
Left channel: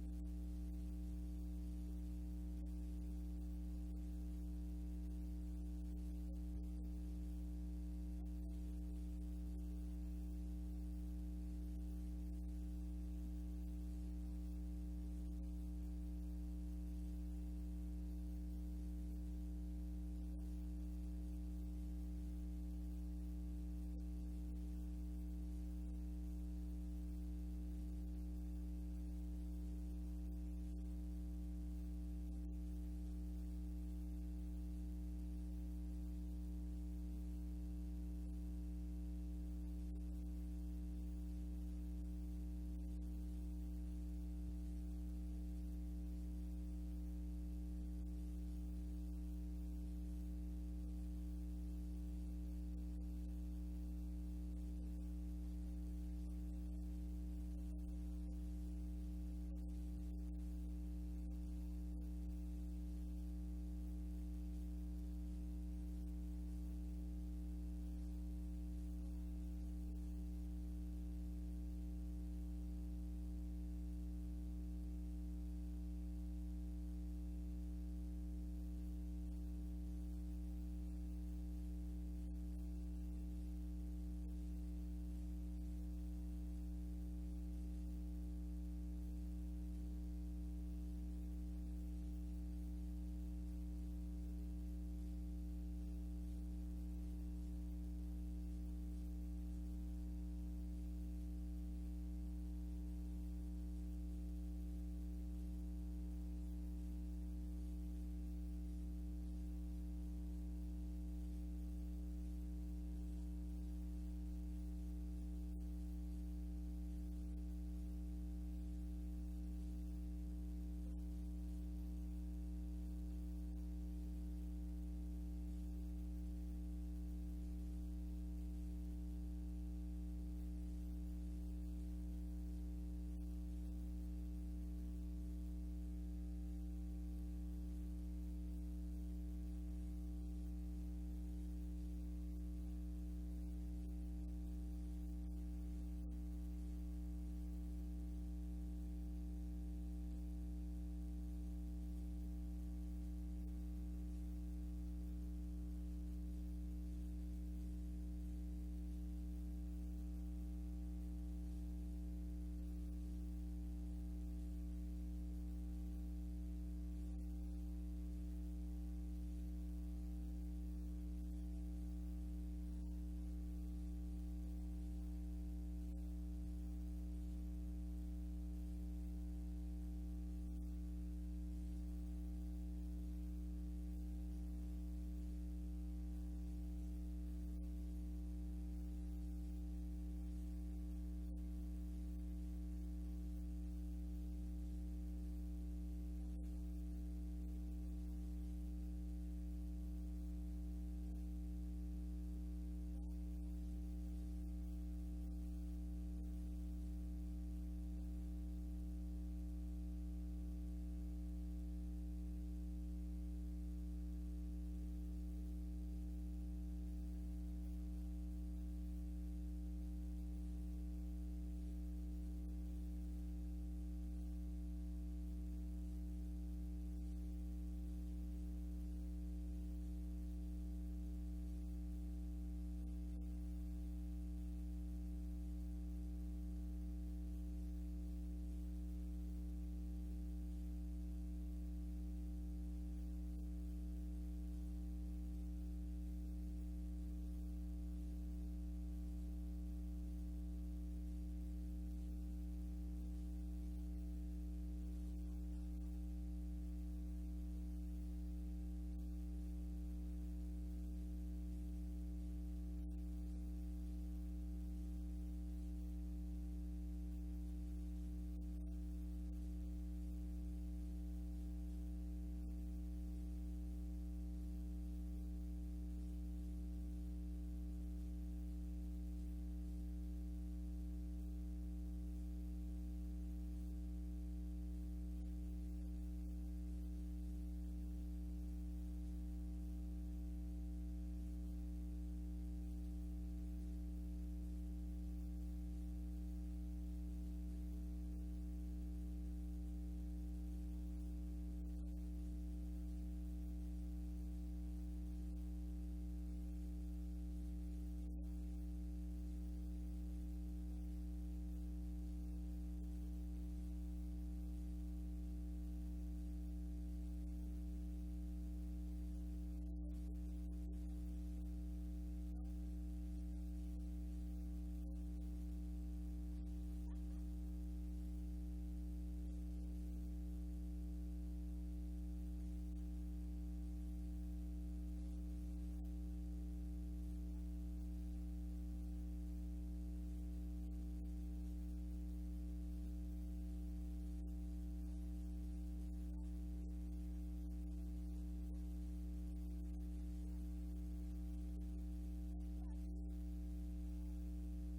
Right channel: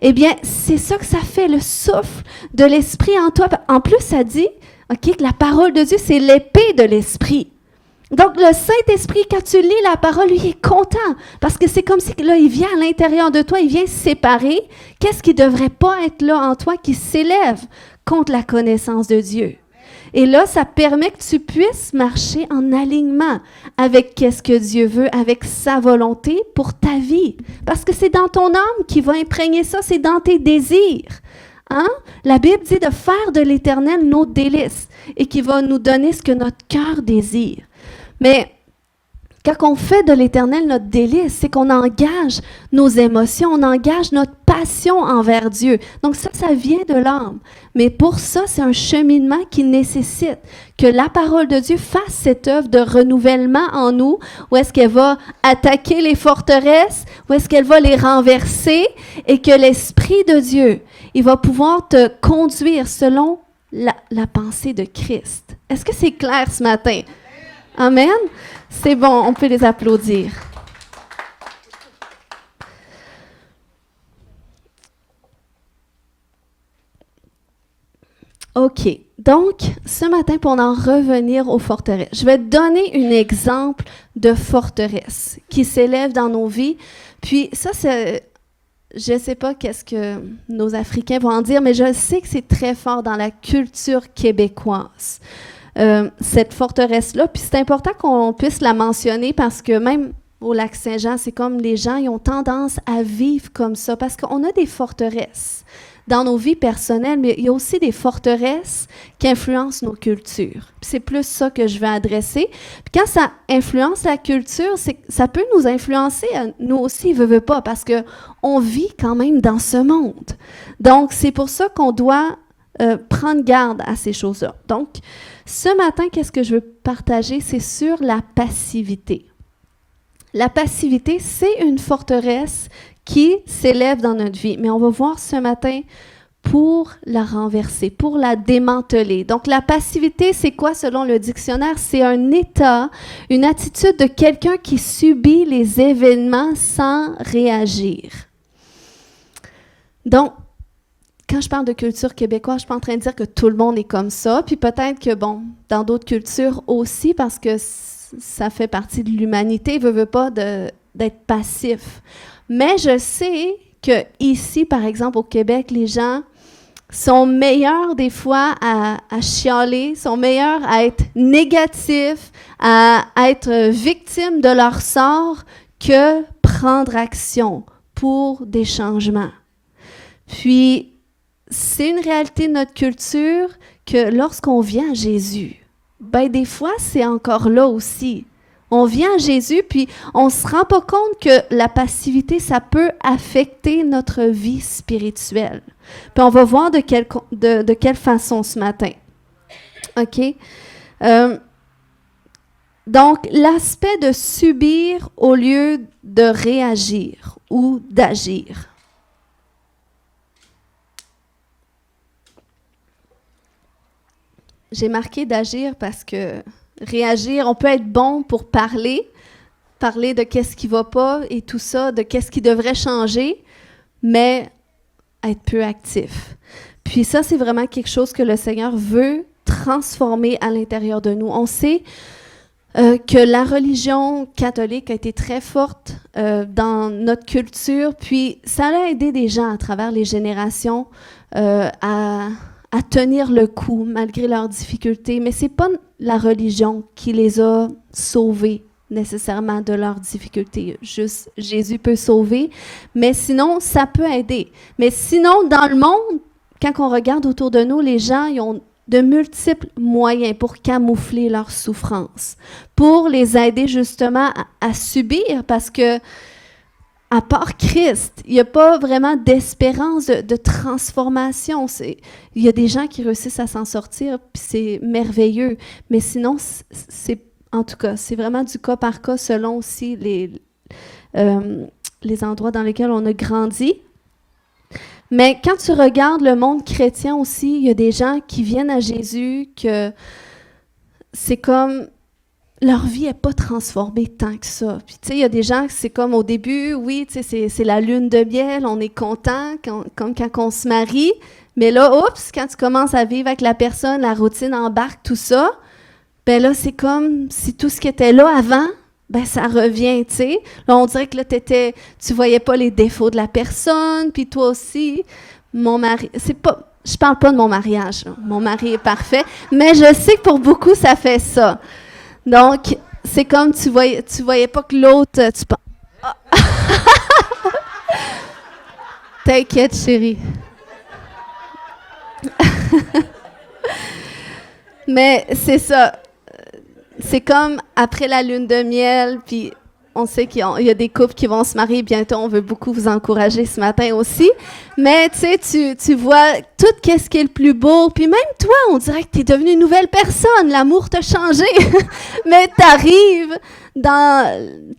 eh bien, c'est ça que ça fait, le souffle de l'Esprit en toi. En plus, ça dit, OK, que la parole de Dieu, c'est l'épée de l'Esprit. Donc, le Saint-Esprit, quand tu lis la parole, lui, il est content parce que c'est comme si, là, il vient à l'intérieur de toi, il vient séparer qu'est-ce qui ne devrait pas être là en toi qui s'élève contre la connaissance de Dieu. Et là, ça permet que tu puisses marcher en alignement avec qu'est-ce que Dieu veut, avec sa volonté pour ta vie. Parce que c'est dans ton âme qui va imprégner ça, c'est dans tes désirs. Hein? La Bible dit de faire de l'Éternel nos délices et qui va nous donner ce que notre cœur désire. Mais quand on fait de l'Éternel notre délice, c'est qu'on engage nos émotions, on engage notre passion envers Dieu. Donc ça vient de l'âme. Mais pour ça, c'est un cheminement qui nécessite que la parole de Dieu fasse cette œuvre de renouvellement en nous, où est-ce qu'elle va attaquer les forteresses, où est-ce qu'elle va les renverser, et que l'Esprit de Dieu, il va pouvoir te conduire selon la pensée de Christ. Est-ce que c'est clair ce matin? Amen? C'est bon, on peut les applaudir. OK. Donc, ce matin, pour en revenir aux forteresses, je vais te donner un exemple de forteresse qui s'élève dans nos vies. Puis ça, je ne sais pas qu'est-ce que nos Africains vont en dire, mais je sais que c'est très fort dans la culture québécoise, cette forteresse-là. Puis c'est important qu'on puisse la mentionner parce que même au Lac-Saint-Jean, c'est comme les gens, ils ont tendance à vivre comme ça parce qu'on a des forteresses dans nos vies personnelles, mais il y a aussi des forteresses qui influencent nos cultures. Puis c'est plus ça que je vais adresser. Puis quand ça influence la culture, ça peut nous influencer, nous aussi, veut pas, parce qu'on vit quand même dans ce monde. Donc, c'est pour ça qu'on doit prendre garde à ces choses-là. Donc, ce matin, qu'est-ce que je veux partager? C'est sur la passivité. La passivité, c'est une forteresse qui s'élève dans notre vie. Mais on va voir ce matin pour la renverser, pour la démanteler. Donc, la passivité, c'est quoi selon le dictionnaire? C'est un état, une attitude de quelqu'un qui subit les événements sans réagir. Donc, quand je parle de culture québécoise, je ne suis pas en train de dire que tout le monde est comme ça. Puis peut-être que, bon, dans d'autres cultures aussi, parce que ça fait partie de l'humanité, veut pas d'être passif. Mais je sais qu'ici, par exemple, au Québec, les gens sont meilleurs des fois à chialer, sont meilleurs à être négatifs, à être victimes de leur sort que prendre action pour des changements. Puis, c'est une réalité de notre culture que lorsqu'on vient à Jésus, ben des fois, c'est encore là aussi. On vient à Jésus, puis on ne se rend pas compte que la passivité, ça peut affecter notre vie spirituelle. Puis on va voir de quelle façon ce matin. OK? Donc, l'aspect de subir au lieu de réagir ou d'agir. J'ai marqué d'agir parce que réagir, on peut être bon pour parler de qu'est-ce qui ne va pas et tout ça, de qu'est-ce qui devrait changer, mais être peu actif. Puis ça, c'est vraiment quelque chose que le Seigneur veut transformer à l'intérieur de nous. On sait que la religion catholique a été très forte dans notre culture, puis ça a aidé des gens à travers les générations à tenir le coup malgré leurs difficultés, mais ce n'est pas la religion qui les a sauvés nécessairement de leurs difficultés. Juste Jésus peut sauver, mais sinon, ça peut aider. Mais sinon, dans le monde, quand on regarde autour de nous, les gens ils ont de multiples moyens pour camoufler leur souffrance, pour les aider justement à subir, parce que à part Christ, il n'y a pas vraiment d'espérance de transformation. Il y a des gens qui réussissent à s'en sortir, puis c'est merveilleux. Mais sinon, en tout cas, c'est vraiment du cas par cas selon aussi les endroits dans lesquels on a grandi. Mais quand tu regardes le monde chrétien aussi, il y a des gens qui viennent à Jésus que c'est comme leur vie n'est pas transformée tant que ça. Puis, tu sais, il y a des gens, c'est comme au début, oui, tu sais, c'est la lune de miel, on est content, comme quand on se marie. Mais là, oups, quand tu commences à vivre avec la personne, la routine embarque, tout ça, ben là, c'est comme si tout ce qui était là avant, ben ça revient, tu sais. Là, on dirait que là, tu voyais pas les défauts de la personne, puis toi aussi, mon mari, je parle pas de mon mariage, là. Mon mari est parfait, mais je sais que pour beaucoup, ça fait ça. Donc, c'est comme tu voyais pas que l'autre... T'inquiète, chérie. Mais c'est ça. C'est comme après la lune de miel, puis on sait qu'il y a des couples qui vont se marier bientôt. On veut beaucoup vous encourager ce matin aussi. Mais tu sais, tu vois tout ce qui est le plus beau. Puis même toi, on dirait que tu es devenue une nouvelle personne. L'amour t'a changé. Mais tu arrives,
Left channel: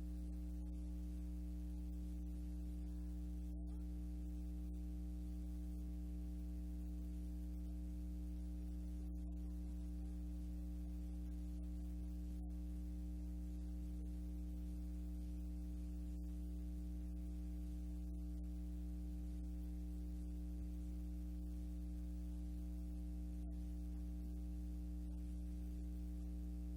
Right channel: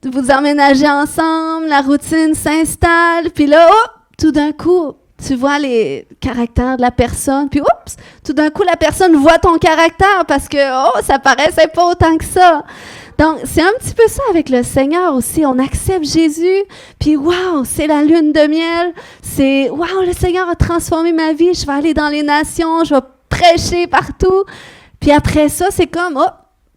vous emménagez ensemble, la routine s'installe. Puis là, tout d'un coup, tu vois les caractères de la personne. Puis tout d'un coup, la personne voit ton caractère parce que ça paraissait pas autant que ça. Donc, c'est un petit peu ça avec le Seigneur aussi. On accepte Jésus, puis wow, c'est la lune de miel. C'est wow, le Seigneur a transformé ma vie. Je vais aller dans les nations, je vais prêcher partout. Puis après ça, c'est comme,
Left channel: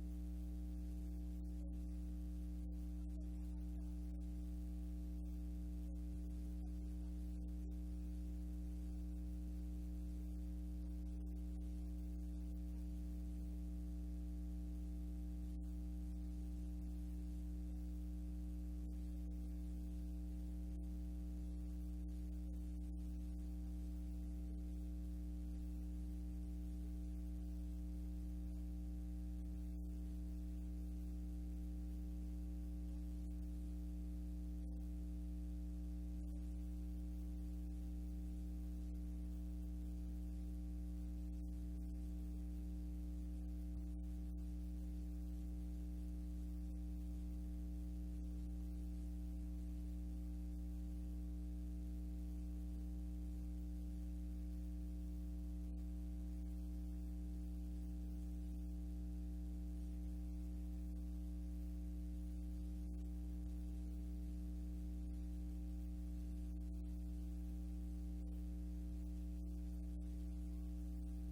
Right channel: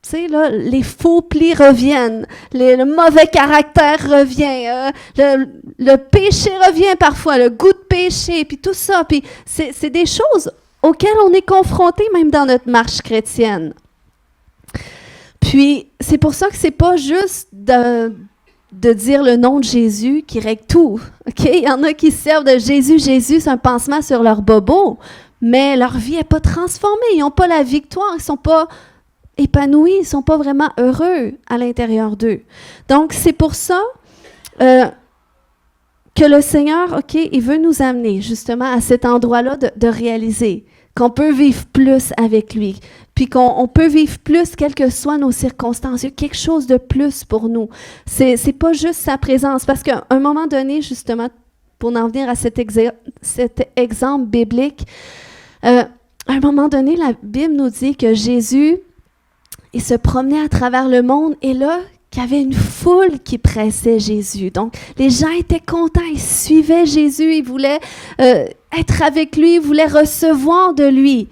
tu sais, là, les faux plis reviennent, le mauvais caractère revient, le péché revient parfois, le goût de péché, puis tout ça. Puis c'est des choses auxquelles on est confronté même dans notre marche chrétienne. Puis, c'est pour ça que c'est pas juste de dire le nom de Jésus qui règle tout. OK? Il y en a qui servent de Jésus, c'est un pansement sur leur bobo, mais leur vie n'est pas transformée. Ils n'ont pas la victoire, ils ne sont pas épanouis, ils ne sont pas vraiment heureux à l'intérieur d'eux. Donc, c'est pour ça que le Seigneur, OK, il veut nous amener justement à cet endroit-là de réaliser qu'on peut vivre plus avec lui, puis qu'on peut vivre plus, quelles que soient nos circonstances. Il y a quelque chose de plus pour nous. C'est pas juste sa présence. Parce qu'à un moment donné, justement, pour en venir à cet exemple biblique, à un moment donné, la Bible nous dit que Jésus, il se promenait à travers le monde et là, qu'il y avait une foule qui pressait Jésus. Donc, les gens étaient contents, ils suivaient Jésus, ils voulaient être avec lui, ils voulaient recevoir de lui.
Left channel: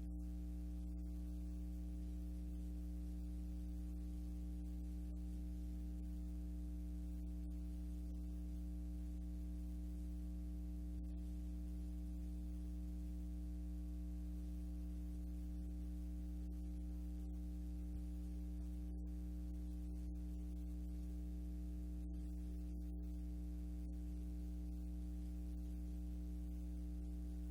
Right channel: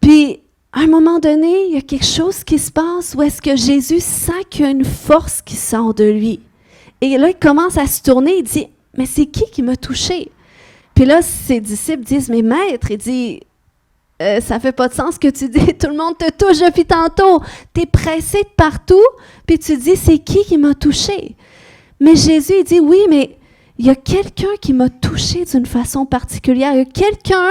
Puis, à un moment donné, il y a quelque chose qui se passe où est-ce que Jésus sent qu'il y a une force qui sort de lui. Et là, il commence à se tourner, il dit, « Mais c'est qui m'a touché? » Puis là, ses disciples disent, « Mais maître, il dit, ça fait pas de sens ce que tu dis, tout le monde te touche depuis tantôt. Tu es pressé de partout, puis tu dis, c'est qui m'a touché? » Mais Jésus, il dit, « Oui, mais il y a quelqu'un qui m'a touché d'une façon particulière. Il y a quelqu'un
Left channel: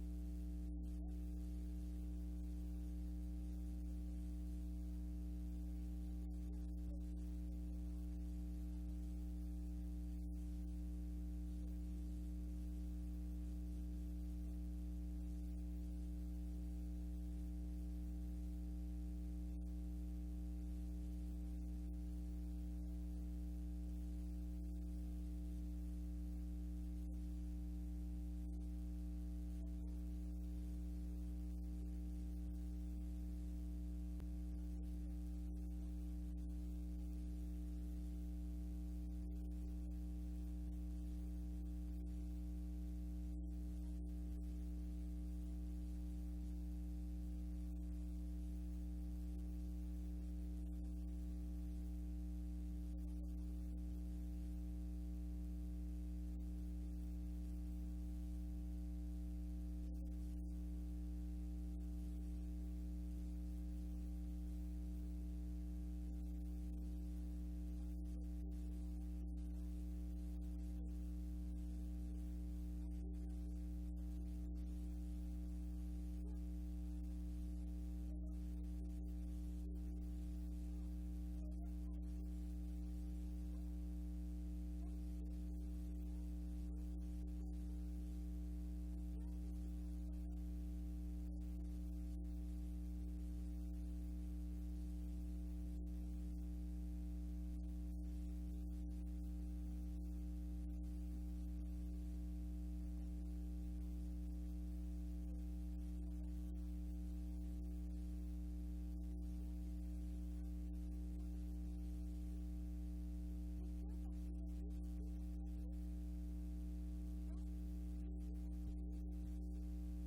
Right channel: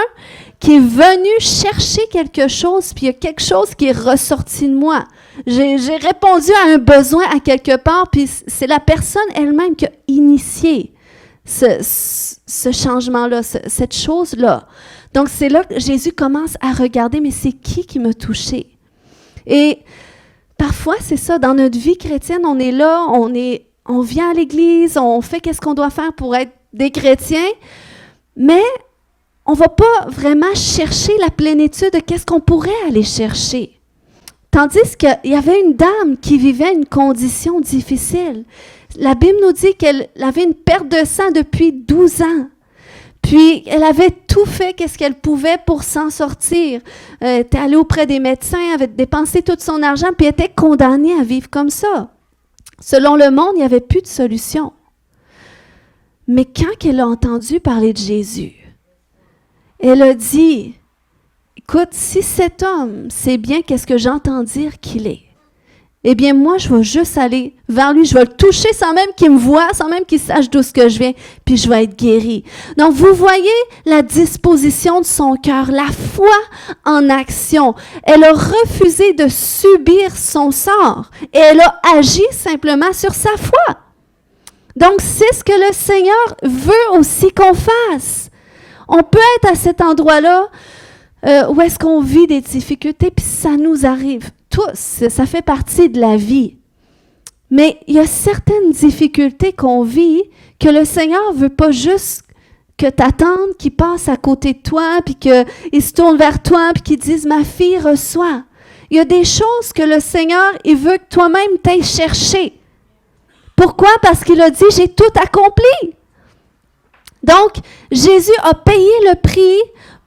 qui est venu chercher quelque chose, puis il y a quelque chose qui est ressorti de moi. J'ai répondu à un besoin à quelque part, puis c'est la personne elle-même qui a initié ce changement-là, cette chose-là. » Donc, c'est là que Jésus commence à regarder, mais c'est qui m'a touché? Et parfois, c'est ça, dans notre vie chrétienne, on est là, on vient à l'église, on fait qu'est-ce qu'on doit faire pour être des chrétiens, mais on ne va pas vraiment chercher la plénitude de qu'est-ce qu'on pourrait aller chercher. Tandis qu'il y avait une dame qui vivait une condition difficile. La Bible nous dit qu'elle avait une perte de sang depuis 12 ans. Puis, elle avait tout fait qu'est-ce qu'elle pouvait pour s'en sortir. Elle était allée auprès des médecins, avait dépensé tout son argent, puis elle était condamnée à vivre comme ça. Selon le monde, il n'y avait plus de solution. Mais quand elle a entendu parler de Jésus, elle a dit, « Écoute, si cet homme sait bien qu'est-ce que j'entends dire qu'il est, eh bien, moi, je vais juste aller vers lui, je vais le toucher sans même qu'il me voie, sans même qu'il sache d'où ce que je viens, puis je vais être guérie. » Donc, vous voyez la disposition de son cœur, la foi en action. Elle a refusé de subir son sort et elle a agi simplement sur sa foi. Donc, c'est ce que le Seigneur veut aussi qu'on fasse. On peut être à cet endroit-là où est-ce qu'on vit des difficultés, puis ça nous arrive. Tous, ça fait partie de la vie. Mais il y a certaines difficultés qu'on vit que le Seigneur ne veut pas juste que tu attendes qu'il passe à côté de toi, puis qu'il se tourne vers toi, puis qu'il dise « Ma fille, reçois ». Il y a des choses que le Seigneur, il veut que toi-même t'ailles chercher. Pourquoi? Parce qu'il a dit « J'ai tout accompli ». Donc, Jésus a payé le prix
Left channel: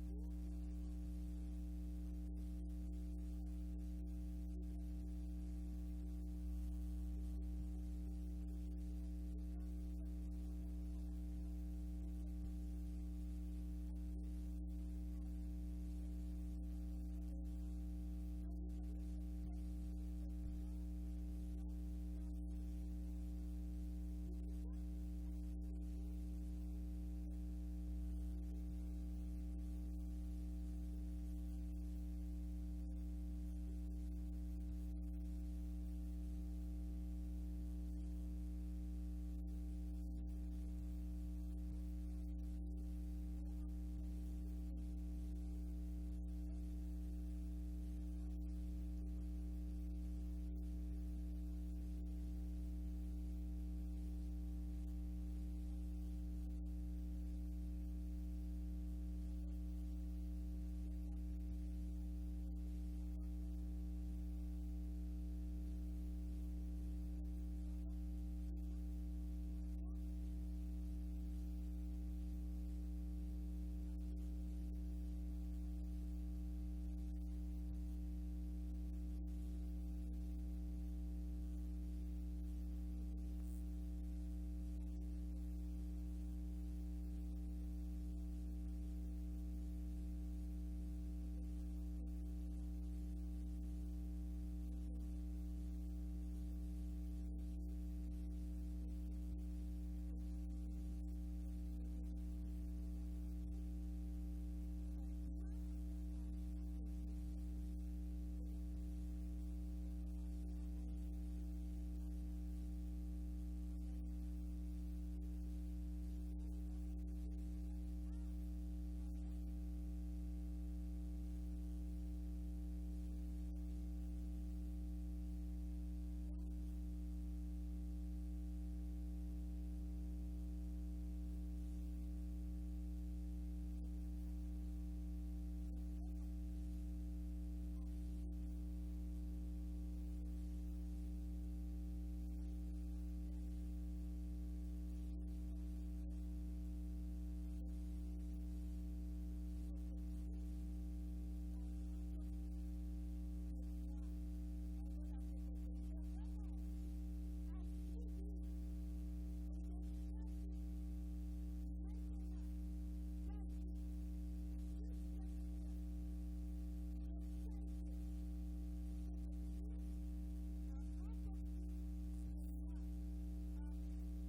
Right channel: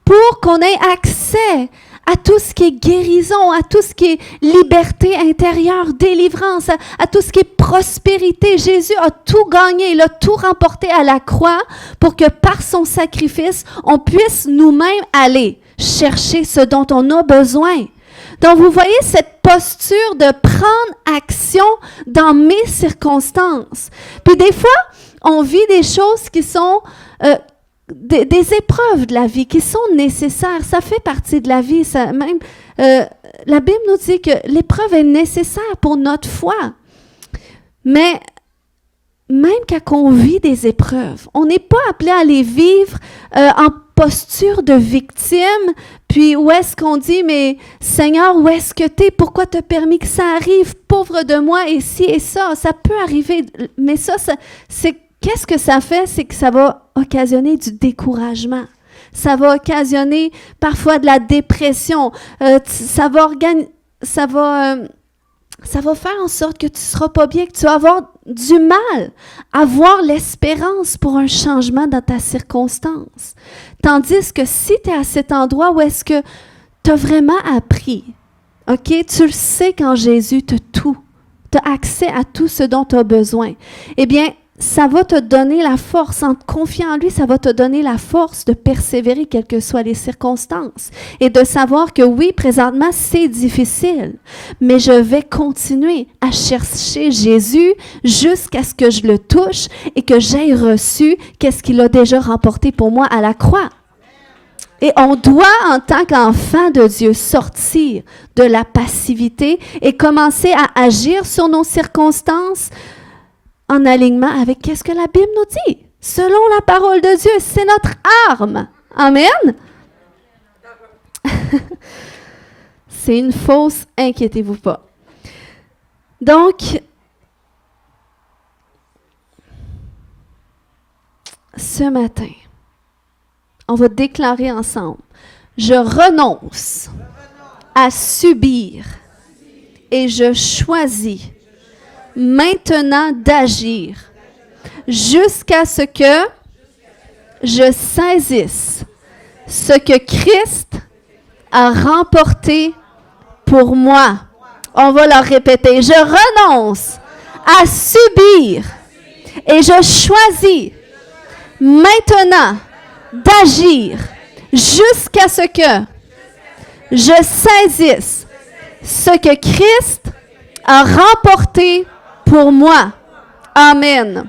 pour qu'on ait accès à tout ce qui est guérison, à tout ce qui est liberté intérieure, délivrance, à tout ce qui est prospérité. Jésus a tout gagné, il a tout remporté à la croix pour que par son sacrifice, on puisse nous-mêmes aller chercher ce dont on a besoin. Donc, vous voyez cette posture de prendre action dans mes circonstances. Puis des fois, on vit des choses qui sont des épreuves de la vie qui sont nécessaires. Ça fait partie de la vie. La Bible nous dit que l'épreuve est nécessaire pour notre foi. Mais quand on vit des épreuves, on n'est pas appelé à les vivre en posture de victime, puis où est-ce qu'on dit, mais Seigneur, où est-ce que tu es? Pourquoi tu as permis que ça arrive? Pauvre de moi, et ci et ça. Ça peut arriver, mais ça c'est qu'est-ce que ça fait? C'est que ça va occasionner du découragement. Ça va occasionner parfois de la dépression. Ça va faire en sorte que tu ne seras pas bien, que tu vas avoir du mal à voir l'espérance pour un changement dans ta circonstance. Tandis que si tu es à cet endroit où est-ce que tu as vraiment appris, OK, tu le sais qu'en Jésus, tu as accès à tout ce dont tu as besoin, eh bien, ça va te donner la force, en te confiant en lui, ça va te donner la force de persévérer quelles que soient les circonstances et de savoir que oui, présentement, c'est difficile, mais je vais continuer à chercher Jésus jusqu'à ce que je le touche et que j'aie reçu qu'est-ce qu'il a déjà remporté pour moi à la croix. Et on doit, en tant qu'enfant de Dieu, sortir de la passivité et commencer à agir sur nos circonstances en alignement avec qu'est-ce que la Bible nous dit. Selon la parole de Dieu, c'est notre arme. Amen. C'est une fausse, inquiétez-vous pas. Donc, ce matin, on va déclarer ensemble, je renonce à subir et je choisis maintenant d'agir jusqu'à ce que je saisisse ce que Christ a remporté pour moi. On va leur répéter. Je renonce à subir et je choisis maintenant d'agir jusqu'à ce que je saisisse ce que Christ a remporté pour moi. Amen.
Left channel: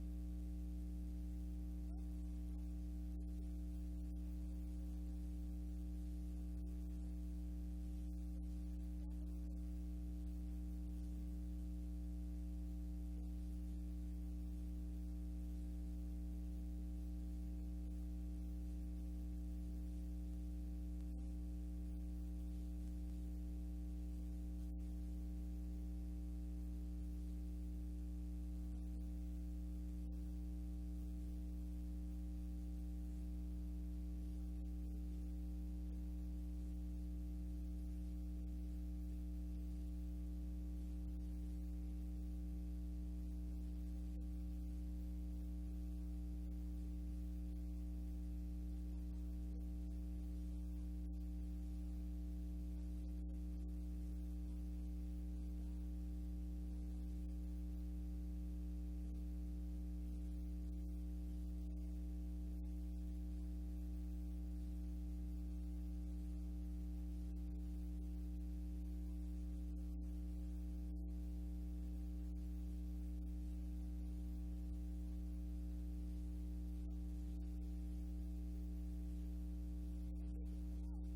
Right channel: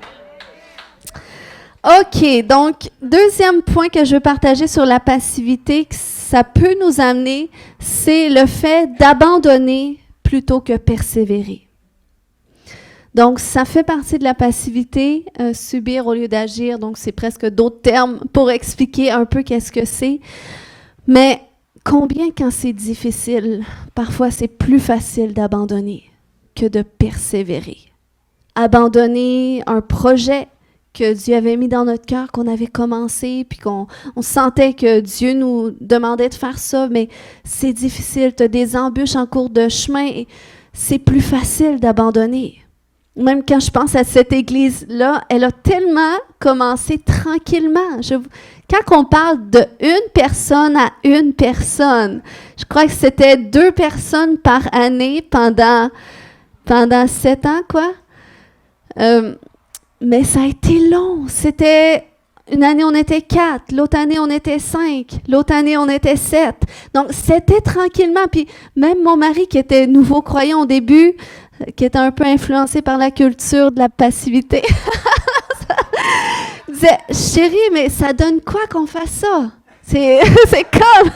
OK, donc, deuxième point que je veux partager sur la passivité, que ça peut nous amener, c'est le fait d'abandonner plutôt que persévérer. Donc, ça fait partie de la passivité, subir au lieu d'agir. Donc, c'est presque d'autres termes pour expliquer un peu qu'est-ce que c'est. Mais combien quand c'est difficile, parfois c'est plus facile d'abandonner que de persévérer. Abandonner un projet que Dieu avait mis dans notre cœur, qu'on avait commencé, puis on sentait que Dieu nous demandait de faire ça, mais c'est difficile, tu as des embûches en cours de chemin, et c'est plus facile d'abandonner. Même quand je pense à cette église-là, elle a tellement commencé tranquillement. Quand on parle de une personne à une personne, je crois que c'était 2 personnes par année pendant 7 ans, quoi. Mais ça a été long. C'était une année, on était 4. L'autre année, on était 5. L'autre année, on était 7. Donc, c'était tranquillement. Puis même mon mari, qui était nouveau croyant au début, qui était un peu influencé par la culture de la passivité, disait, chérie, mais ça donne quoi qu'on fasse ça? C'est comme...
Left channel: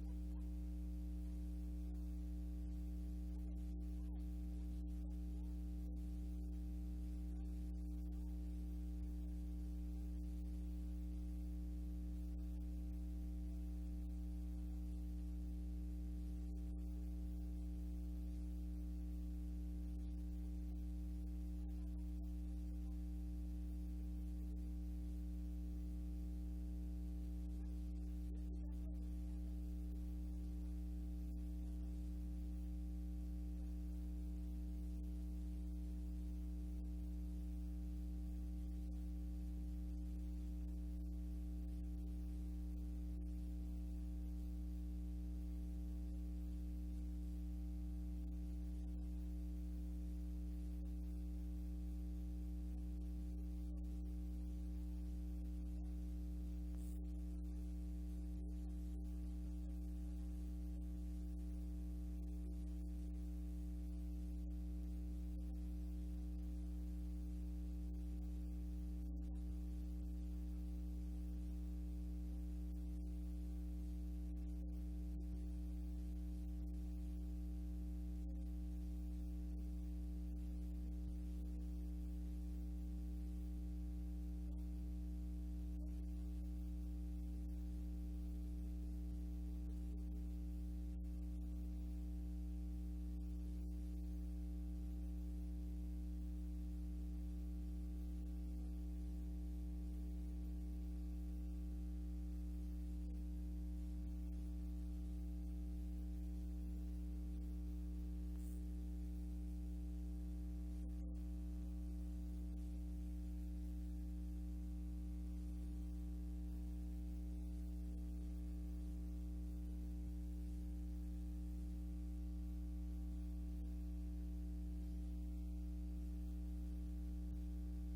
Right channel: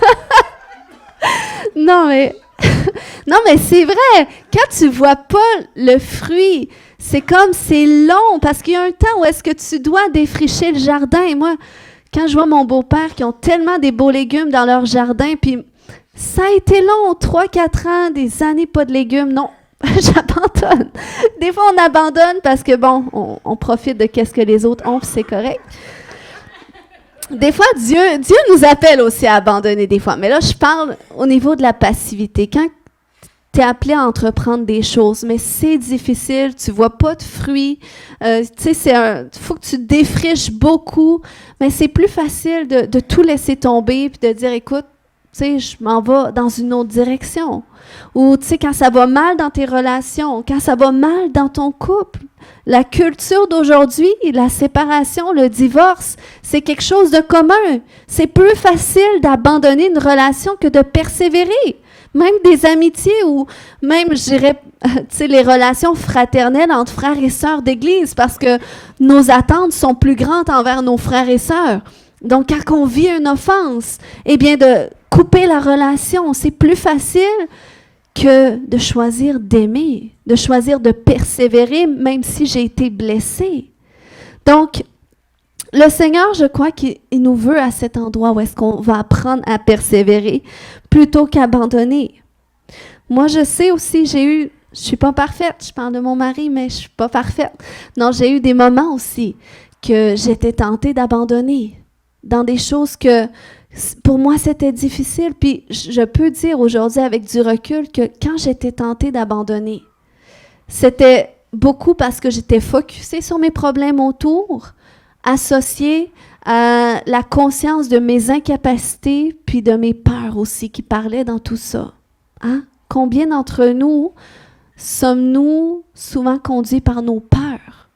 Non, mais c'est vrai. Quand tu vois pas le fruit, c'est comme, c'est long, parce qu'il y a un temps où est-ce que tu dois défricher le jardin. Et moi, quand je vois mon beau-père qui ont tellement des beaux légumes dans leur jardin, puis ça a été long, 3-4 ans, des années pas de légumes. Non, j'abandonne. Des fois, on abandonne parce que, bon, on profite de qu'est-ce que les autres ont, puis c'est correct. Des fois, Dieu nous appelle aussi à abandonner des fois. Mais là, je parle au niveau de la passivité. Quand tu es appelé à entreprendre des choses, mais c'est difficile, tu ne vois pas de fruits, tu sais, faut que tu défriches beaucoup, mais c'est plus facile de tout laisser tomber puis de dire, écoute, tu sais, je m'en vais dans une autre direction. Ou, tu sais, quand ça va mal dans tes relations, quand ça va mal dans ton couple, la culture d'aujourd'hui, la séparation, le divorce, c'est quelque chose de commun. C'est plus facile d'abandonner une relation que de persévérer. Même des amitiés ou même, je dirais, tu sais, les relations fraternelles entre frères et sœurs d'église, parce que nos attentes sont plus grandes envers nos frères et sœurs. Donc, quand on vit une offense, eh bien, de couper la relation, c'est plus facile que de choisir d'aimer, de choisir de persévérer, même si j'ai été blessée. Donc, le Seigneur, je crois qu'il nous veut à cet endroit où est-ce qu'on va apprendre à persévérer plutôt qu'abandonner. Moi, je sais aussi, je suis pas parfaite, je parle de mon mari, mais je suis pas parfaite. Non, j'ai eu des moments aussi que j'étais tentée d'abandonner dans des choses que, pour moi, c'était difficile. Puis, je peux dire aujourd'hui avec du recul que quand j'étais tentée d'abandonner, c'était beaucoup parce que j'étais focusée sur mes problèmes autour, associée à la conscience de mes incapacités, puis de mes peurs aussi qui parlaient dans tout ça. Hein? Combien d'entre nous sommes-nous souvent conduits par nos peurs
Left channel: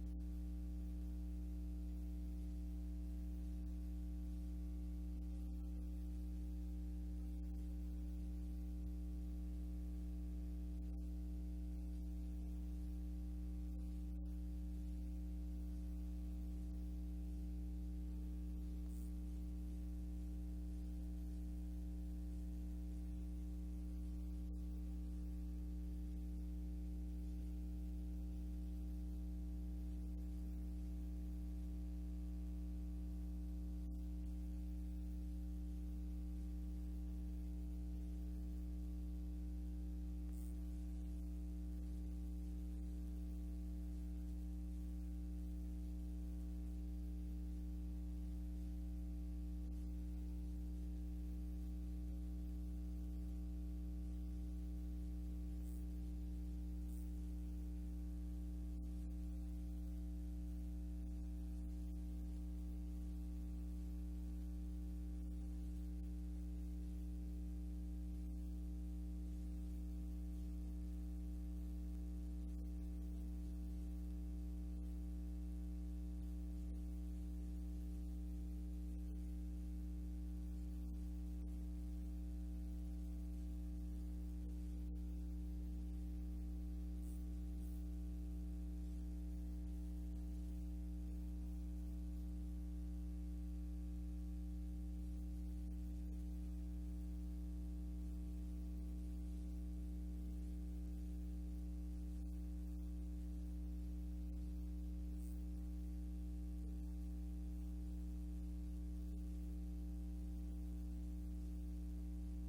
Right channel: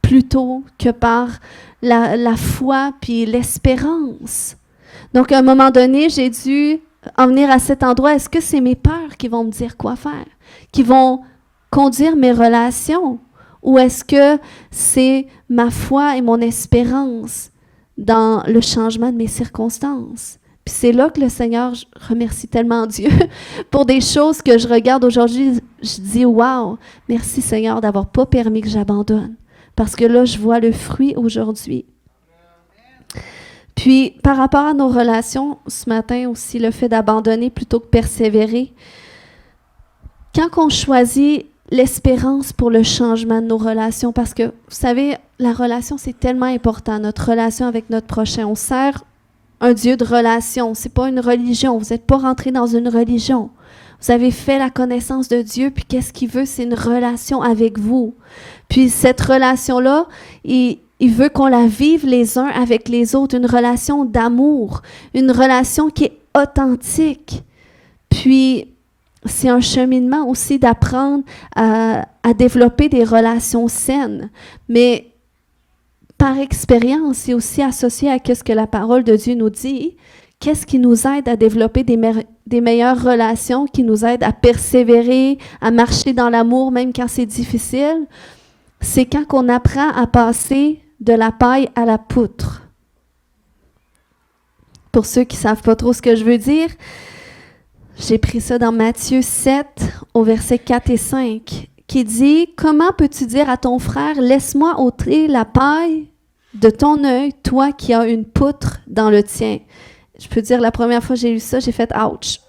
plutôt que par la foi puis l'espérance? Donc, à un moment donné, j'ai dû en venir à cet endroit. Est-ce que c'est mes peurs qui vont me dire quoi faire, qui vont conduire mes relations? Ou est-ce que c'est ma foi et mon espérance dans le changement de mes circonstances? Puis c'est là que le Seigneur, je remercie tellement Dieu pour des choses que je regarde aujourd'hui. Je dis, wow, merci Seigneur d'avoir pas permis que j'abandonne. Parce que là, je vois le fruit aujourd'hui. Puis, par rapport à nos relations, ce matin aussi, le fait d'abandonner plutôt que persévérer, quand on choisit l'espérance pour le changement de nos relations, parce que, vous savez, la relation, c'est tellement important, notre relation avec notre prochain. On sert un Dieu de relation, c'est pas une religion. Vous n'êtes pas rentré dans une religion. Vous avez fait la connaissance de Dieu, puis qu'est-ce qu'il veut? C'est une relation avec vous. Puis cette relation-là, il veut qu'on la vive les uns avec les autres, une relation d'amour, une relation qui est authentique. Puis c'est un cheminement aussi d'apprendre à développer des relations saines. Mais par expérience, c'est aussi associé à ce que la parole de Dieu nous dit. Qu'est-ce qui nous aide à développer des meilleures relations, qui nous aide à persévérer, à marcher dans l'amour même quand c'est difficile? C'est quand on apprend à passer de la paille à la poutre. Pour ceux qui ne savent pas trop ce que je veux dire, j'ai pris ça dans Matthieu 7, au verset 4 et 5, qui dit « Comment peux-tu dire à ton frère, laisse-moi ôter la paille de ton œil, toi qui as une poutre dans le tien? » Je peux dire, la première fois que j'ai lu ça, j'ai fait « Ouch! »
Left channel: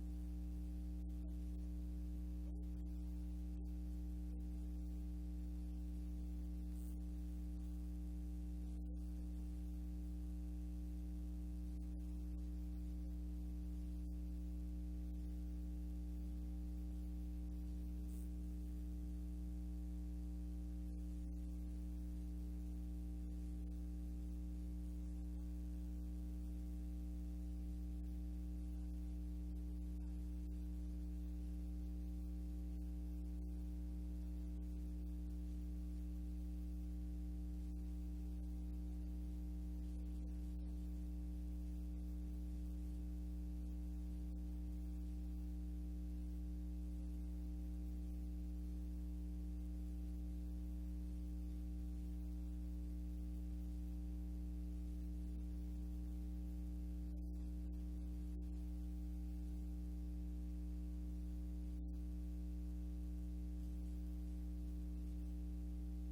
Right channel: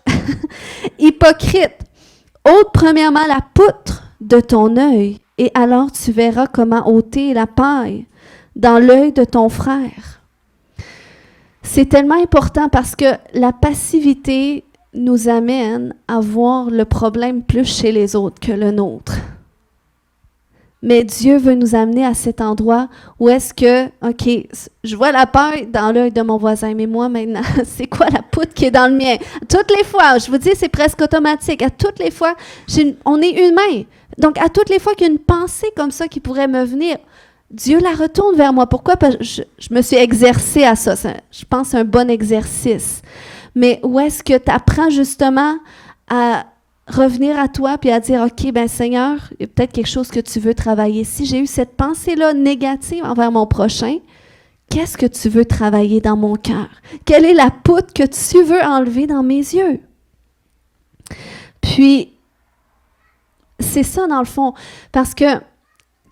Hypocrite, ôte premièrement la poutre de ton œil, et alors tu verras comment ôter la paille dans l'œil de ton frère. C'est tellement important parce que la passivité nous amène à voir le problème plus chez les autres que le nôtre. Mais Dieu veut nous amener à cet endroit où est-ce que, OK, je vois la paille dans l'œil de mon voisin, mais moi maintenant, c'est quoi la poutre qui est dans le mien? Toutes les fois, je vous dis, c'est presque automatique. À toutes les fois, on est humain. Donc, à toutes les fois qu'il y a une pensée comme ça qui pourrait me venir, Dieu la retourne vers moi. Pourquoi? Parce que je me suis exercée à ça. Je pense que c'est un bon exercice. Mais où est-ce que tu apprends justement à revenir à toi puis à dire, OK, ben Seigneur, il y a peut-être quelque chose que tu veux travailler. Si j'ai eu cette pensée-là négative envers mon prochain, qu'est-ce que tu veux travailler dans mon cœur? Quelle est la poutre que tu veux enlever dans mes yeux? Puis, c'est ça dans le fond, parce que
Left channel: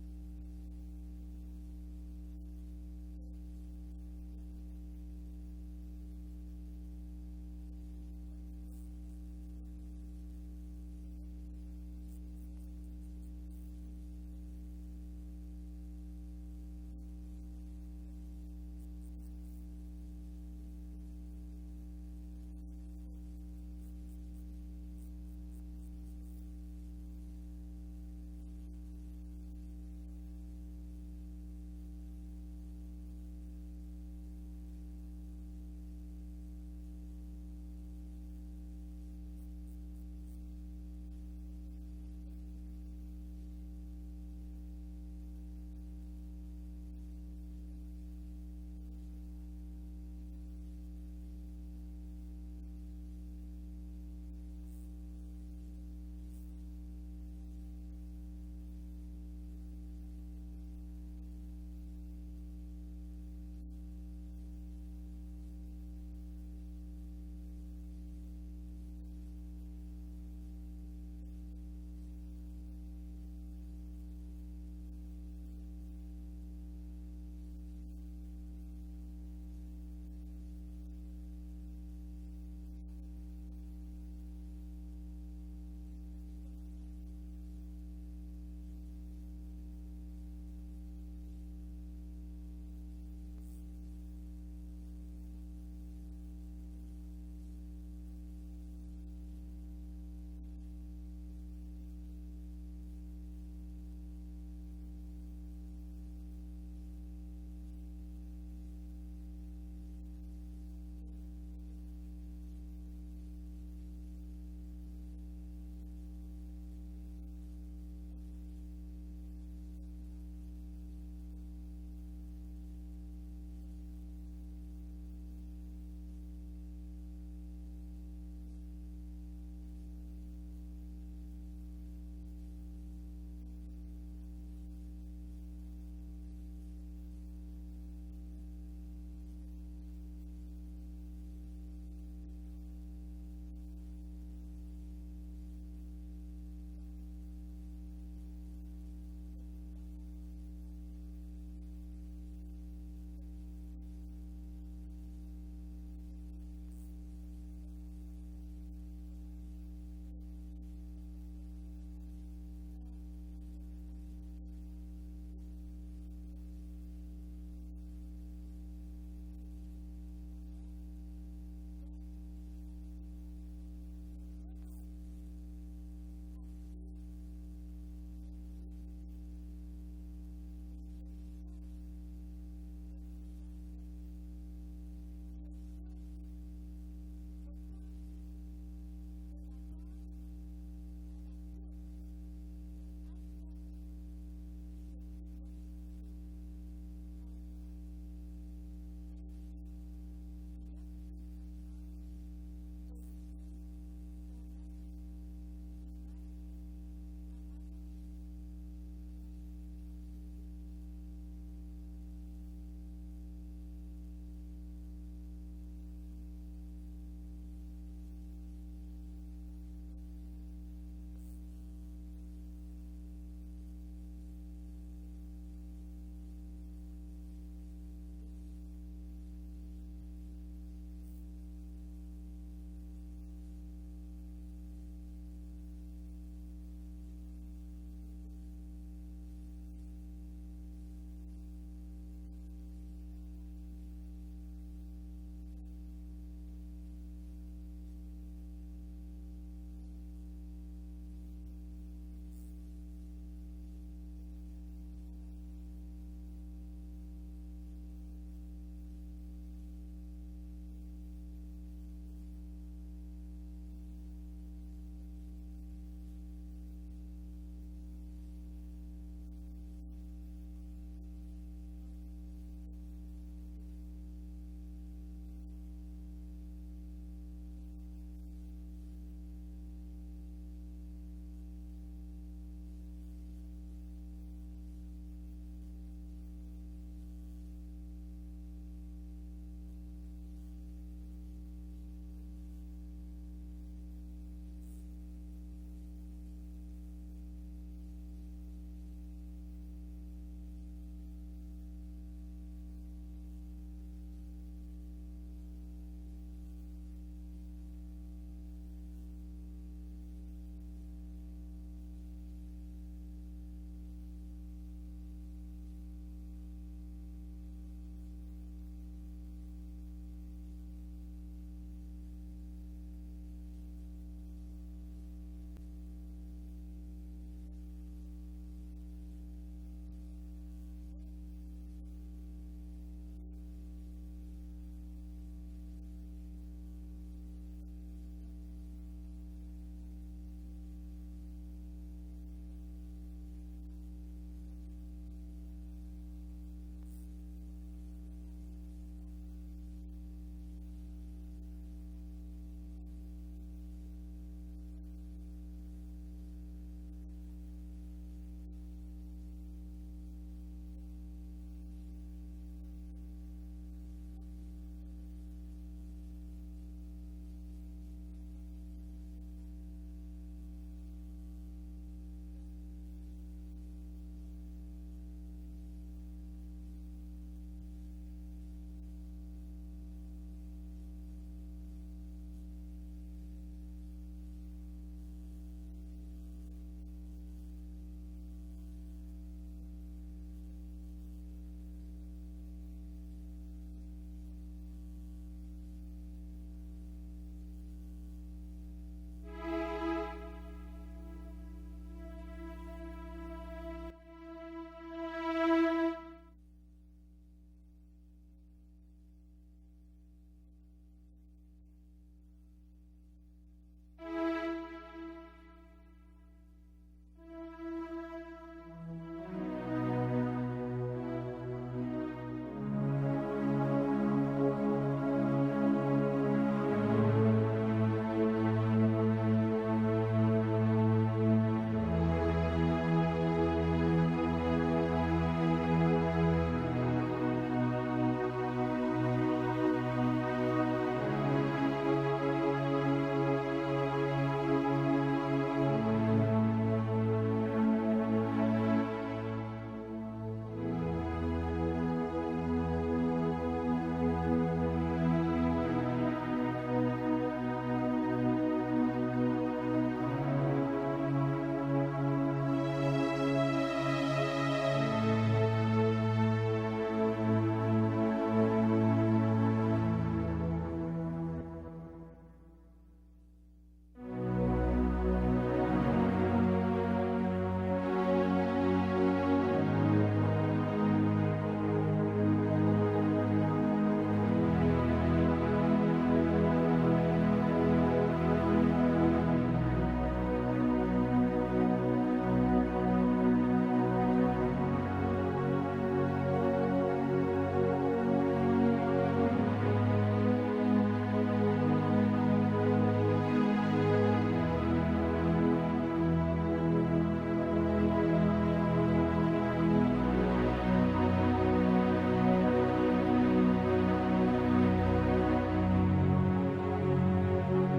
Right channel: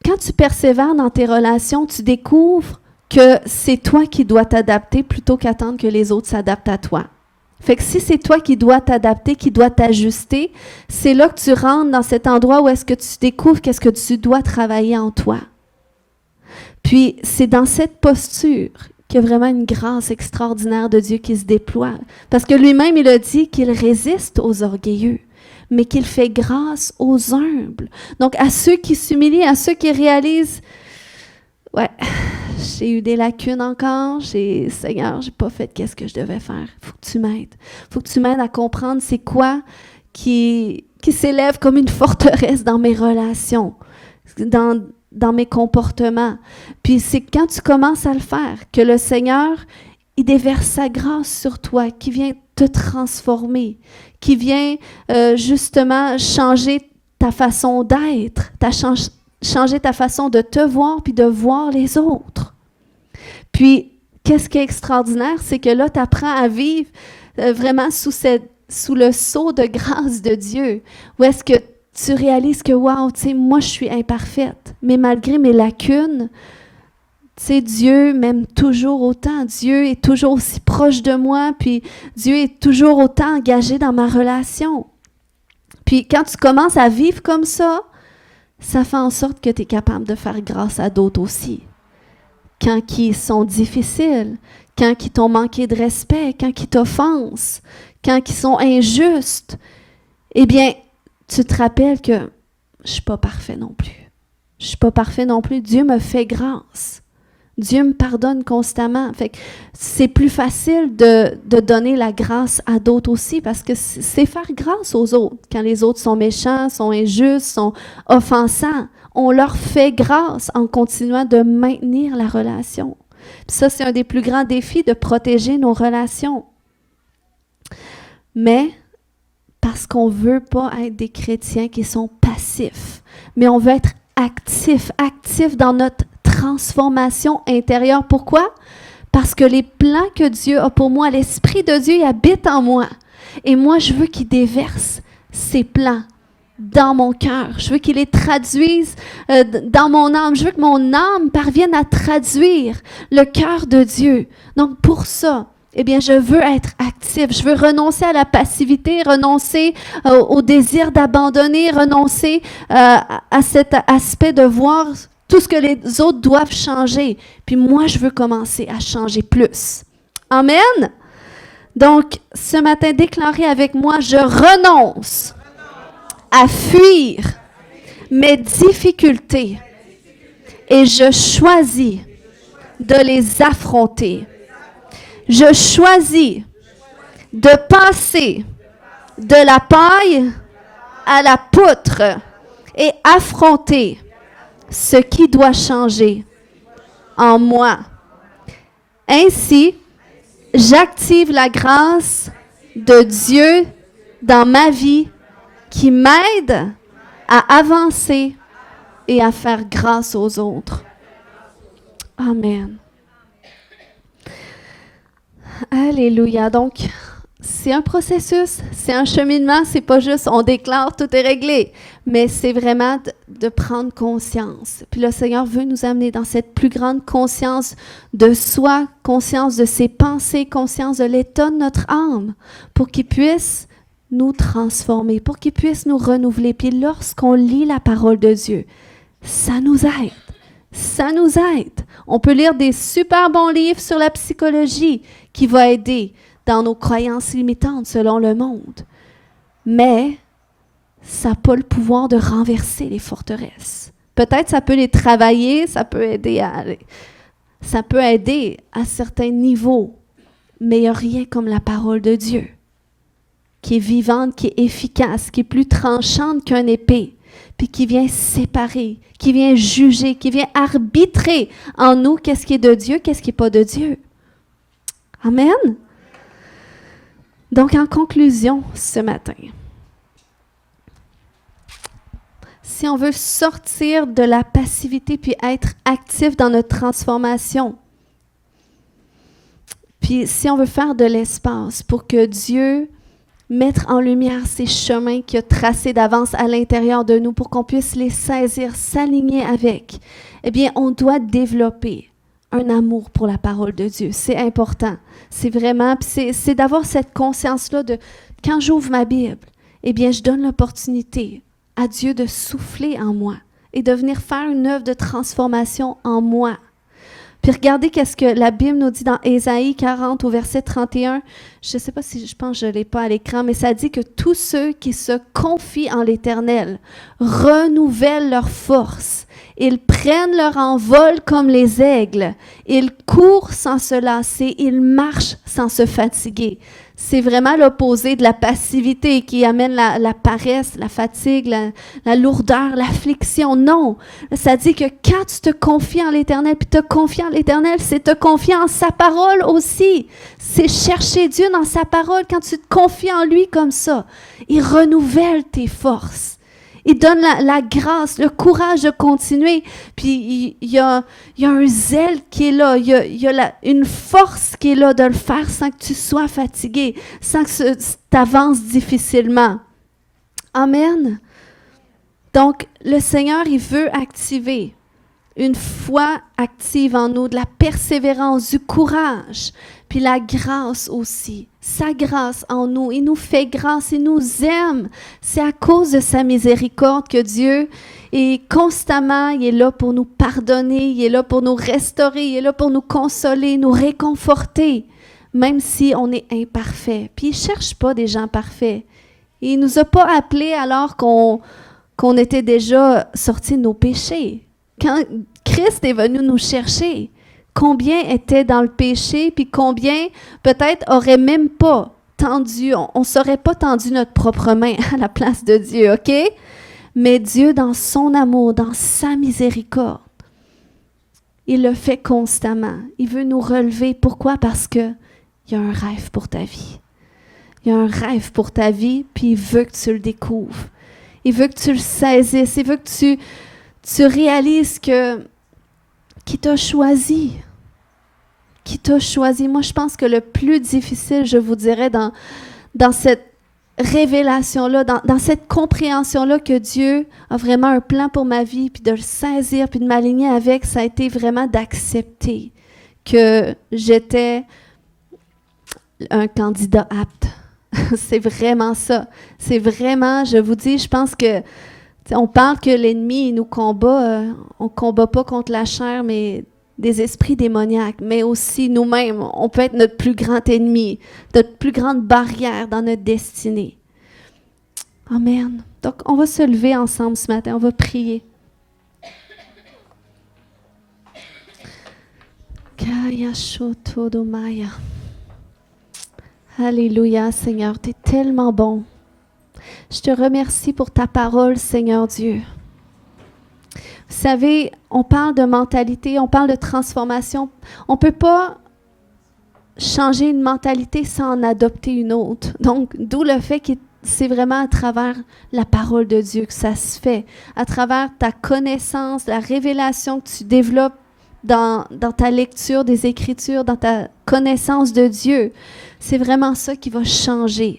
quand tu persévères dans tes relations, tu découvres que c'est toi qui dois t'adapter plutôt qu'attendre que les autres s'adaptent à toi. Fait que si c'est toi qui dois t'adapter, qui dois t'ajuster, c'est là que tu rentres dans cet endroit où est-ce que tu découvres qu'est-ce que tu dois travailler en toi. Puis c'est dans cette posture qu'il y a vraiment une grâce extraordinaire de Dieu qui se déploie. Parce que lui-même, il a dit qu'il résiste aux orgueilleux, mais qu'il fait grâce aux humbles. Donc à ceux qui s'humilient, à ceux qui réalisent, ouais, j'ai eu des lacunes encore. Seigneur, j'ai pas fait qu'est-ce que je devais faire. Il faut que tu m'aides. Il faut que tu m'aides à comprendre c'est quoi qui s'élève comme une forteresse dans mes relations, dans mes comportements. Puis c'est quand tu commences à le faire que le Seigneur, il déverse sa grâce sur toi, qui vient te transformer, qui vient justement changer ta façon d'être, changer ta façon de te voir puis de voir les autres. Puis, qu'est-ce qui est extraordinaire, c'est que là, tu apprends à vivre vraiment sous le sceau de grâce de Dieu, où est-ce que tu réalises que, wow, tu sais, moi, je suis imparfaite, mais malgré mes lacunes, Tu sais, Dieu m'aime toujours autant. Dieu est toujours aussi proche de moi, puis Dieu est toujours autant engagé dans ma relation. Puis quand tu commences à vivre comme ça fait en sorte que tu es capable de faire grâce à d'autres aussi. Quand ils sont difficiles, quand ils t'ont manqué de respect, quand ils t'offensent, quand ils sont injustes, eh bien, tu te rappelles que je ne suis pas parfait non plus. Je ne suis pas parfait non plus. Dieu me fait grâce. Dieu me pardonne constamment. Fait que c'est plus facile de donner la grâce à d'autres aussi parce que c'est faire grâce aux autres. Quand les autres sont méchants, sont injustes, sont offensants, on leur fait grâce en continuant de maintenir la relation. Puis ça, c'est un des plus grands défis, de protéger nos relations. Mais parce qu'on ne veut pas être des chrétiens qui sont passifs, mais on veut être actifs dans notre transformation intérieure. Pourquoi? Parce que les plans que Dieu a pour moi, l'Esprit de Dieu, il habite en moi. Et moi, je veux qu'il déverse ses plans dans mon cœur. Je veux qu'il les traduise dans mon âme. Je veux que mon âme parvienne à traduire le cœur de Dieu. Donc, pour ça, eh bien, je veux être active. Je veux renoncer à la passivité, renoncer au désir d'abandonner, renoncer à cet aspect de voir tout ce que les autres doivent changer. Puis moi, je veux commencer à changer plus. Amen? Donc, ce matin, déclarez avec moi, je renonce à fuir mes difficultés et je choisis de les affronter. Je choisis de passer de la paille à la poutre et affronter ce qui doit changer en moi. Ainsi, j'active la grâce de Dieu dans ma vie qui m'aide à avancer et à faire grâce aux autres. Amen. Alléluia. Donc, c'est un processus, c'est un cheminement, c'est pas juste on déclare tout est réglé, mais c'est vraiment de prendre conscience. Puis le Seigneur veut nous amener dans cette plus grande conscience de soi, conscience de ses pensées, conscience de l'état de notre âme, pour qu'il puisse nous transformer, pour qu'il puisse nous renouveler. Puis lorsqu'on lit la parole de Dieu, ça nous aide. Ça nous aide. On peut lire des super bons livres sur la psychologie qui vont aider dans nos croyances limitantes selon le monde. Mais ça n'a pas le pouvoir de renverser les forteresses. Peut-être ça peut les travailler, ça peut aider à certains niveaux, mais il n'y a rien comme la parole de Dieu, qui est vivante, qui est efficace, qui est plus tranchante qu'une épée, puis qui vient séparer, qui vient juger, qui vient arbitrer en nous qu'est-ce qui est de Dieu, qu'est-ce qui n'est pas de Dieu. Amen. Donc, en conclusion, ce matin, si on veut sortir de la passivité puis être actif dans notre transformation, puis si on veut faire de l'espace pour que Dieu mette en lumière ces chemins qu'il a tracés d'avance à l'intérieur de nous pour qu'on puisse les saisir, s'aligner avec, eh bien, on doit développer un amour pour la parole de Dieu. C'est important. C'est vraiment, c'est d'avoir cette conscience-là de, quand j'ouvre ma Bible, eh bien, je donne l'opportunité à Dieu de souffler en moi et de venir faire une œuvre de transformation en moi. Puis regardez qu'est-ce que la Bible nous dit dans Ésaïe 40 au verset 31. Je ne sais pas si je pense que je ne l'ai pas à l'écran, mais ça dit que tous ceux qui se confient en l'Éternel renouvellent leur force. Ils prennent leur envol comme les aigles. Ils courent sans se lasser. Ils marchent sans se fatiguer. C'est vraiment l'opposé de la passivité qui amène la paresse, la fatigue, la lourdeur, l'affliction. Non, ça dit que quand tu te confies en l'Éternel, puis te confier en l'Éternel, c'est te confier en sa parole aussi. C'est chercher Dieu dans sa parole. Quand tu te confies en lui comme ça, il renouvelle tes forces. Il donne la grâce, le courage de continuer. Puis il y a un zèle qui est là. Il y a une force qui est là de le faire sans que tu sois fatigué, sans que tu avances difficilement. Amen. Donc, le Seigneur, il veut activer une foi active en nous, de la persévérance, du courage, puis la grâce aussi. Sa grâce en nous, il nous fait grâce, il nous aime. C'est à cause de sa miséricorde que Dieu est constamment, il est là pour nous pardonner, il est là pour nous restaurer, il est là pour nous consoler, nous réconforter, même si on est imparfait. Puis il ne cherche pas des gens parfaits. Il ne nous a pas appelés alors qu'on était déjà sortis de nos péchés. Quand Christ est venu nous chercher, combien étaient dans le péché, puis combien peut-être n'auraient même pas tendu, on ne saurait pas tendu notre propre main à la place de Dieu, OK? Mais Dieu, dans son amour, dans sa miséricorde, il le fait constamment. Il veut nous relever. Pourquoi? Parce qu'il y a un rêve pour ta vie. Il y a un rêve pour ta vie, puis il veut que tu le découvres. Il veut que tu le saisisses. Il veut que tu réalises qu'il t'a choisi. Qu'il t'a choisi. Moi, je pense que le plus difficile, je vous dirais, dans cette révélation-là, dans cette compréhension-là que Dieu a vraiment un plan pour ma vie, puis de le saisir, puis de m'aligner avec, ça a été vraiment d'accepter que j'étais un candidat apte. C'est vraiment ça. C'est vraiment, je vous dis, je pense que on parle que l'ennemi nous combat, on ne combat pas contre la chair, mais des esprits démoniaques, mais aussi nous-mêmes. On peut être notre plus grand ennemi, notre plus grande barrière dans notre destinée. Amen. Donc, on va se lever ensemble ce matin, on va prier. Alléluia, Seigneur, tu es tellement bon. Je te remercie pour ta parole, Seigneur Dieu. Vous savez, on parle de mentalité, on parle de transformation. On ne peut pas changer une mentalité sans en adopter une autre. Donc, d'où le fait que c'est vraiment à travers la parole de Dieu que ça se fait, à travers ta connaissance, la révélation que tu développes dans ta lecture des Écritures, dans ta connaissance de Dieu. C'est vraiment ça qui va changer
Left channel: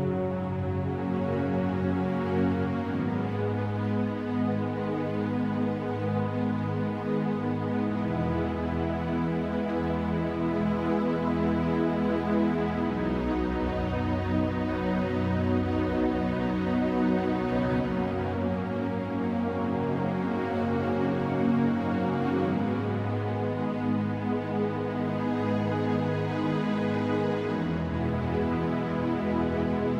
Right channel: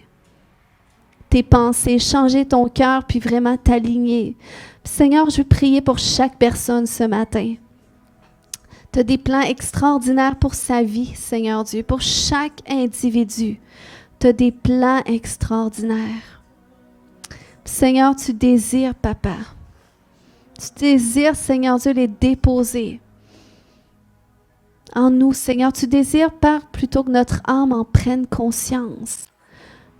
tes pensées, changer ton cœur, puis vraiment t'aligner. Seigneur, je veux prier pour chaque personne ce matin. Tu as des plans extraordinaires pour sa vie, Seigneur Dieu, pour chaque individu. Tu as des plans extraordinaires. Seigneur, tu désires, Papa. Tu désires, Seigneur Dieu, les déposer en nous, Seigneur. Tu désires, Père, plutôt que notre âme en prenne conscience.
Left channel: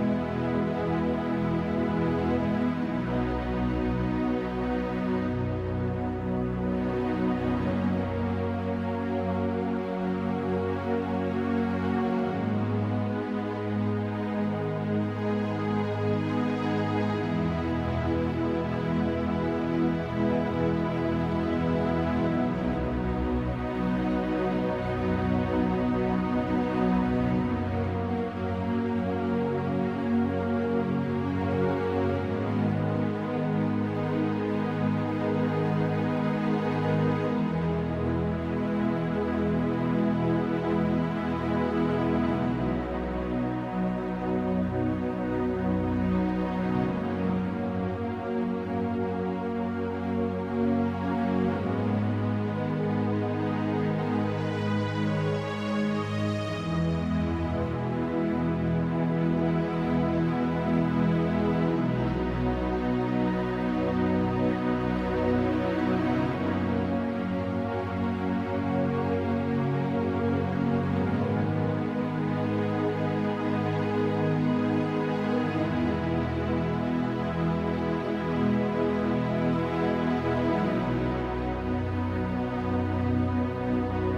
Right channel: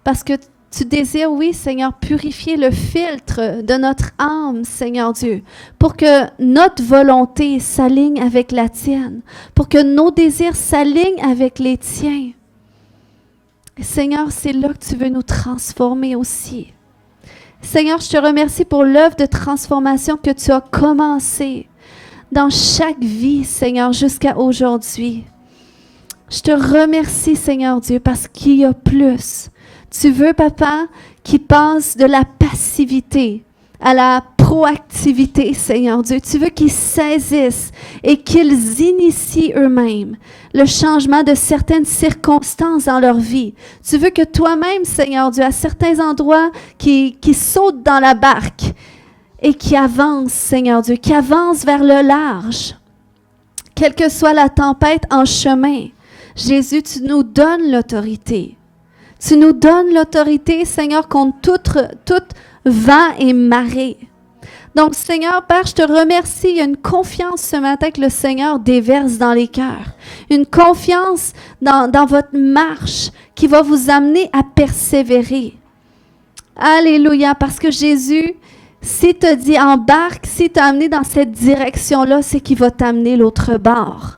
Parce que tu désires, oui, Seigneur, purifier le filtre de notre âme, Seigneur Dieu, pour que notre volonté s'aligne avec la tienne, pour que nos désirs s'alignent avec les tiens. Seigneur, c'est là que tu veux nous transformer aussi. Seigneur, je te remercie pour l'œuvre de transformation que tu as commencée dans chaque vie, Seigneur, jusqu'à aujourd'hui. Je te remercie, Seigneur Dieu, parce qu'il y a plus. Tu veux, Papa, qu'ils passent de la passivité à la proactivité, Seigneur Dieu. Tu veux qu'ils saisissent et qu'ils initient eux-mêmes le changement de certaines circonstances dans leur vie. Tu veux que toi-même, Seigneur Dieu, à certains endroits, qui sautent dans la barque et qui avancent, Seigneur Dieu, qui avancent vers le large. Quelle que soit la tempête en chemin, Jésus, tu nous donnes l'autorité. Tu nous donnes l'autorité, Seigneur, contre tout vent et marée. Donc, Seigneur, Père, je te remercie. Il y a une confiance ce matin que le Seigneur déverse dans les cœurs. Une confiance dans votre marche qui va vous amener à persévérer. Alléluia, parce que Jésus, s'il te dit embarque, s'il t'a amené dans cette direction-là, c'est qu'il va t'amener l'autre bord.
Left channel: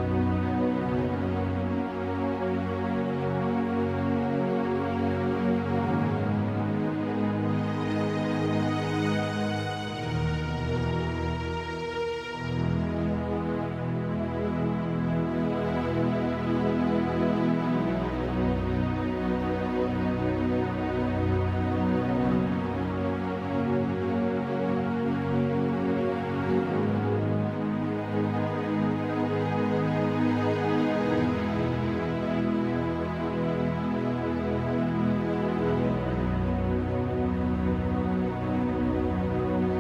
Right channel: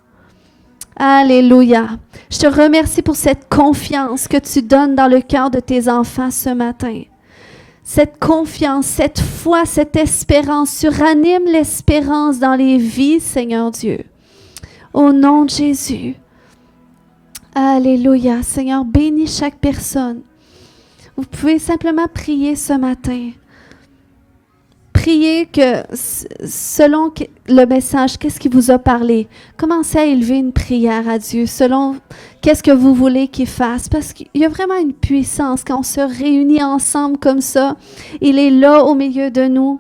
Alléluia. Je te remercie pour cette confiance que tu donnes dans le cœur de tes enfants ce matin. Cette confiance, cette foi, cette espérance, tu ranimes l'espérance dans les vies, Seigneur Dieu. Au nom de Jésus. Alléluia. Seigneur, bénis chaque personne. Vous pouvez simplement prier ce matin. Priez que selon le message, qu'est-ce qui vous a parlé, commencez à élever une prière à Dieu selon qu'est-ce que vous voulez qu'il fasse. Parce qu'il y a vraiment une puissance quand on se réunit ensemble comme ça. Il est là au milieu de nous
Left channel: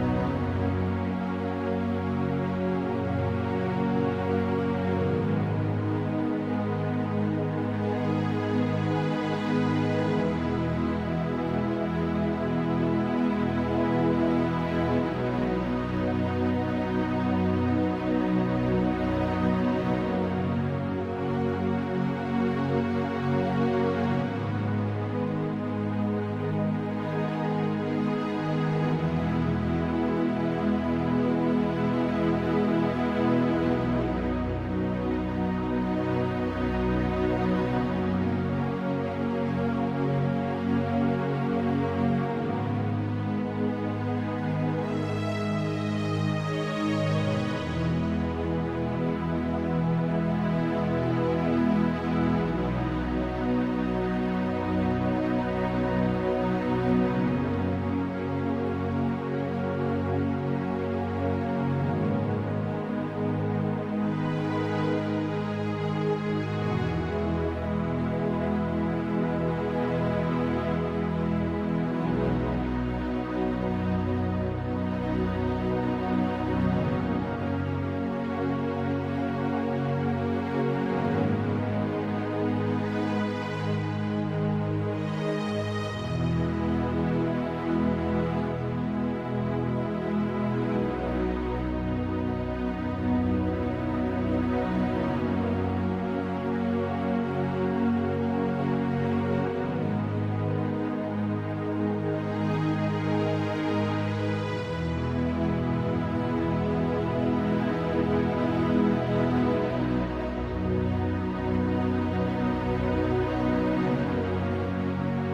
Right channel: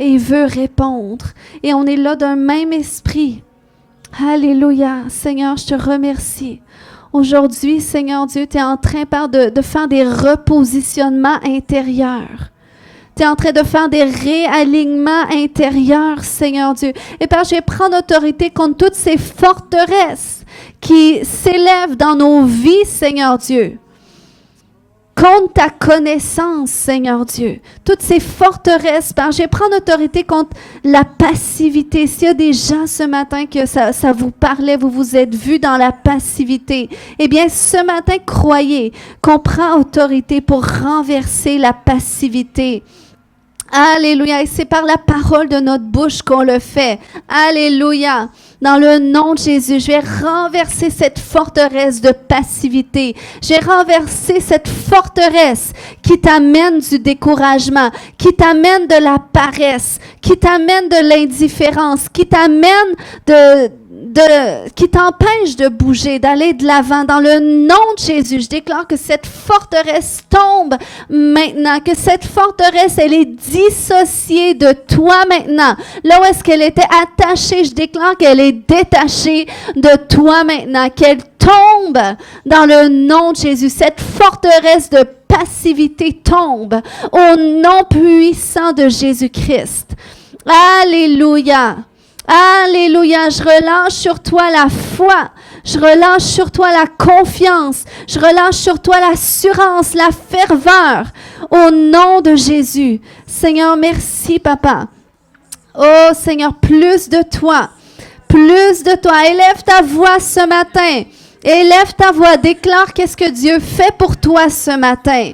et il veut répondre. et on est là d'un même esprit. Alléluia. Seigneur, je te remercie. Aujourd'hui, Seigneur Dieu, tu es en train, Père, de faire des repositionnements intérieurs. Tu es en train de faire des réalignements intérieurs, Seigneur Dieu. Et Père, je vais prendre autorité contre toutes ces forteresses qui s'élèvent dans nos vies, Seigneur Dieu. Contre ta connaissance, Seigneur Dieu. Toutes ces forteresses, Père, je vais prendre autorité contre la passivité. S'il y a des gens ce matin que ça vous parlait, vous vous êtes vus dans la passivité, eh bien, ce matin, croyez qu'on prend autorité pour renverser la passivité. Alléluia. Et c'est par la parole de notre bouche qu'on le fait. Alléluia. Dans le nom de Jésus, je vais renverser cette forteresse de passivité. Je vais renverser cette forteresse qui t'amène du découragement, qui t'amène de la paresse, qui t'amène de l'indifférence, qui t'amène qui t'empêche de bouger, d'aller de l'avant. Dans le nom de Jésus, je déclare que cette forteresse tombe maintenant, que cette forteresse, elle est dissociée de toi maintenant. Là où est-ce qu'elle était attachée, je déclare qu'elle est détachée de toi maintenant, qu'elle tombe dans le nom de Jésus. Cette forteresse de passivité tombe au nom puissant de Jésus-Christ. Alléluia. Alléluia, je relâche sur toi la foi, je relâche sur toi la confiance, je relâche sur toi l'assurance, la ferveur, au nom de Jésus. Seigneur, merci, Papa. Oh, Seigneur, plus de toi, élève ta voix ce matin, élève ta voix, déclare qu'est-ce que Dieu fait pour toi ce matin.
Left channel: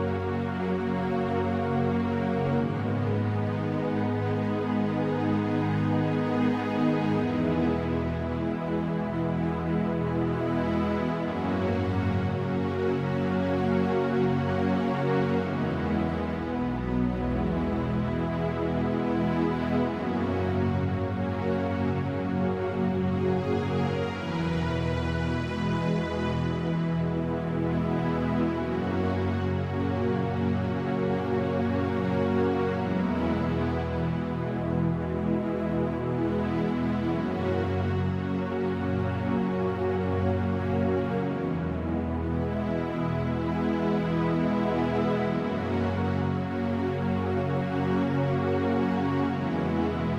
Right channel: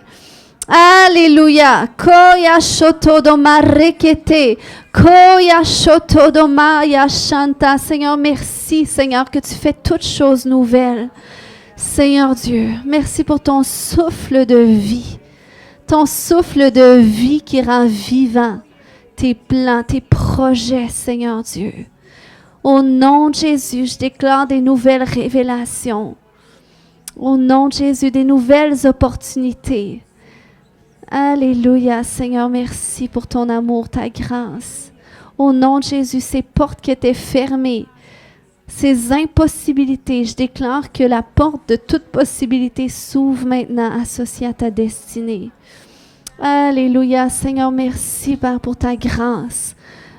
Alléluia. Koya shoto do marekete. Koya shoto do maya shanta. Seigneur, merci, Seigneur, que tu fais toutes choses nouvelles. Seigneur Dieu, merci pour ton souffle de vie. Ton souffle de vie qui rend vivant tes plans, tes projets, Seigneur Dieu. Au nom de Jésus, je déclare des nouvelles révélations. Au nom de Jésus, des nouvelles opportunités. Alléluia, Seigneur, merci pour ton amour, ta grâce. Au nom de Jésus, ces portes qui étaient fermées, ces impossibilités, je déclare que la porte de toute possibilité s'ouvre maintenant associée à ta destinée. Alléluia, Seigneur, merci Père pour ta grâce.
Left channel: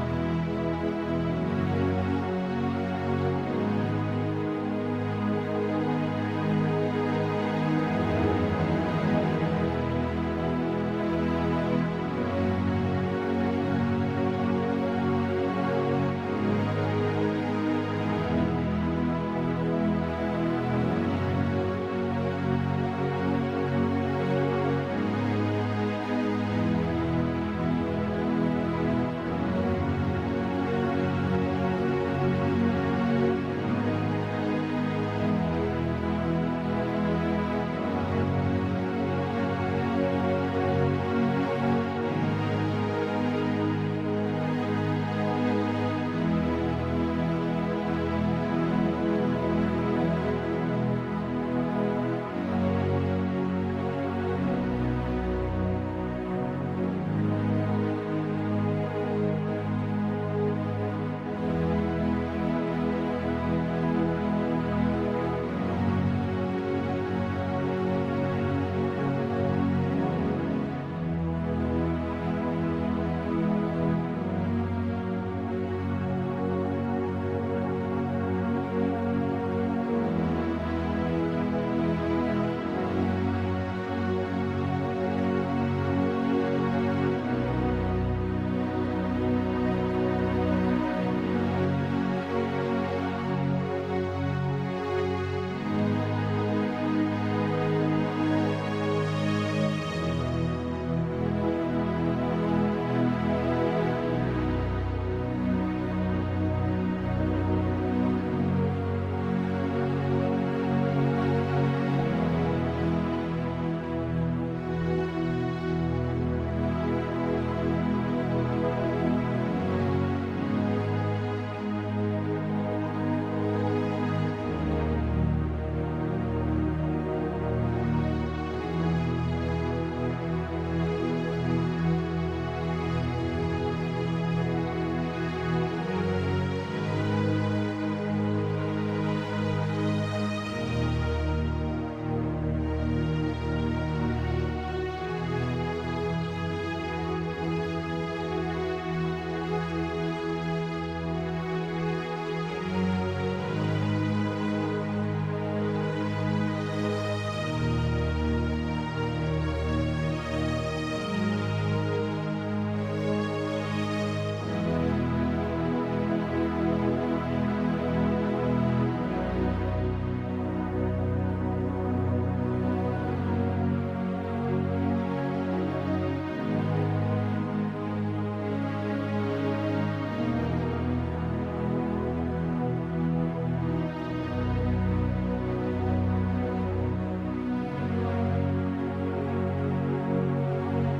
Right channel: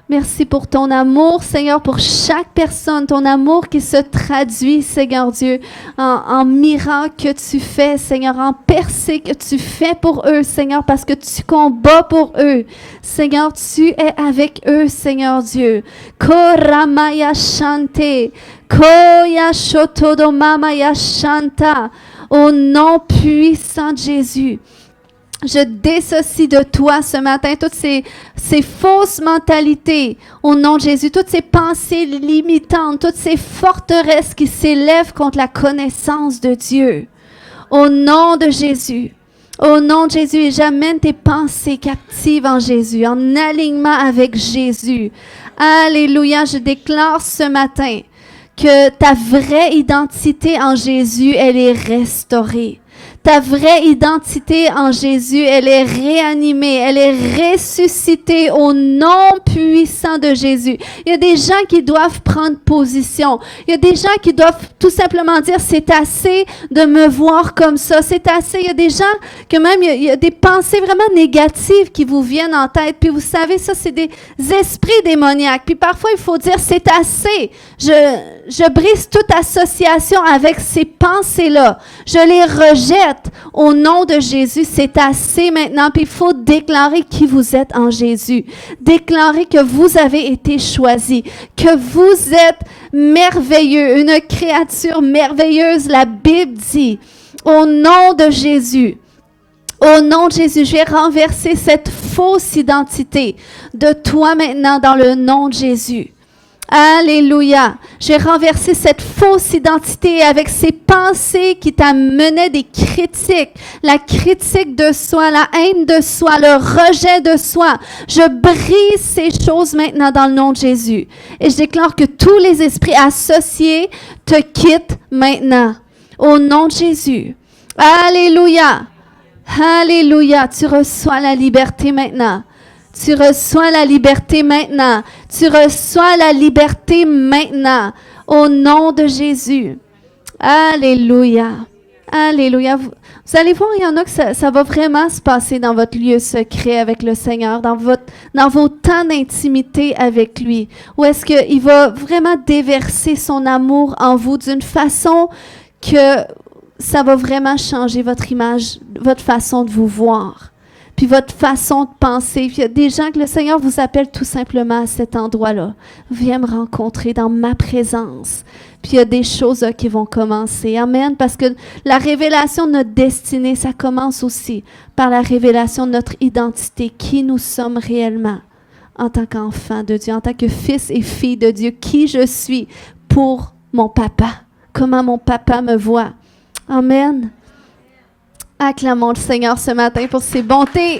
Merci pour ton amour, Seigneur, pour chaque personne, ton amour qui se traduit, Seigneur Dieu, en miracles que tu fais, Seigneur, en percées que tu fais pour eux, Seigneur, parce que tu combats pour eux. Seigneur, tu es avec eux, Seigneur Dieu. Koramaya shante, koya shotodomamaya shanta. Au nom puissant de Jésus, je dissocie de toi ce matin toutes ces fausses mentalités au nom de Jésus, toutes ces pensées limitantes, toutes ces forteresses qui s'élèvent contre la connaissance de Dieu. Au nom de Jésus, et j'amène tes pensées captives en Jésus, en alignement avec Jésus. Alléluia, je déclare ce matin que ta vraie identité en Jésus, elle est restaurée. Ta vraie identité en Jésus, elle est réanimée, elle est ressuscitée au nom puissant de Jésus. Il y a des gens qui doivent prendre position. Il y a des gens qui doivent tout simplement dire, c'est assez de me voir comme ça, c'est assez. Il y a des gens que même, il y a des pensées vraiment négatives qui vous viennent en tête. Puis vous savez, ça, c'est des esprits démoniaques. Puis parfois, il faut dire, c'est assez. Je brise toute association avec ces pensées-là. Je les rejette au nom de Jésus. C'est assez maintenant. Puis il faut déclarer qui vous êtes en Jésus. Déclarer que vous avez été choisi, que vous êtes merveilleux, une créature merveilleuse. La Bible dit, au nom de Jésus, je vais renverser cette fausse identité de toi maintenant dans le nom de Jésus. Alléluia. J'ai renversé cette fausse identité avec ces pensées qui t'amenaient des critiques, la critique de soi, la haine de soi, le rejet de soi. Je brise ces choses maintenant dans le nom de Jésus. Et je déclare que tous les esprits associés te quittent maintenant. Au nom de Jésus. Alléluia. Alléluia. Tu reçois la liberté maintenant. Tu reçois la liberté maintenant. Tu reçois la liberté maintenant, au nom de Jésus. Alléluia. Alléluia. Vous allez voir, il y en a que ça va vraiment se passer dans votre lieu secret avec le Seigneur, dans vos temps d'intimité avec lui, où est-ce qu'il va vraiment déverser son amour en vous d'une façon que ça va vraiment changer votre image, votre façon de vous voir, puis votre façon de penser. Puis il y a des gens que le Seigneur vous appelle tout simplement à cet endroit-là. Viens me rencontrer dans ma présence. Puis il y a des choses qui vont commencer. Amen. Parce que la révélation de notre destinée, ça commence aussi par la révélation de notre identité, qui nous sommes réellement en tant qu'enfant de Dieu, en tant que fils et fille de Dieu, qui je suis pour mon papa, comment mon papa me voit. Amen. Acclamons le Seigneur ce matin pour ses bontés.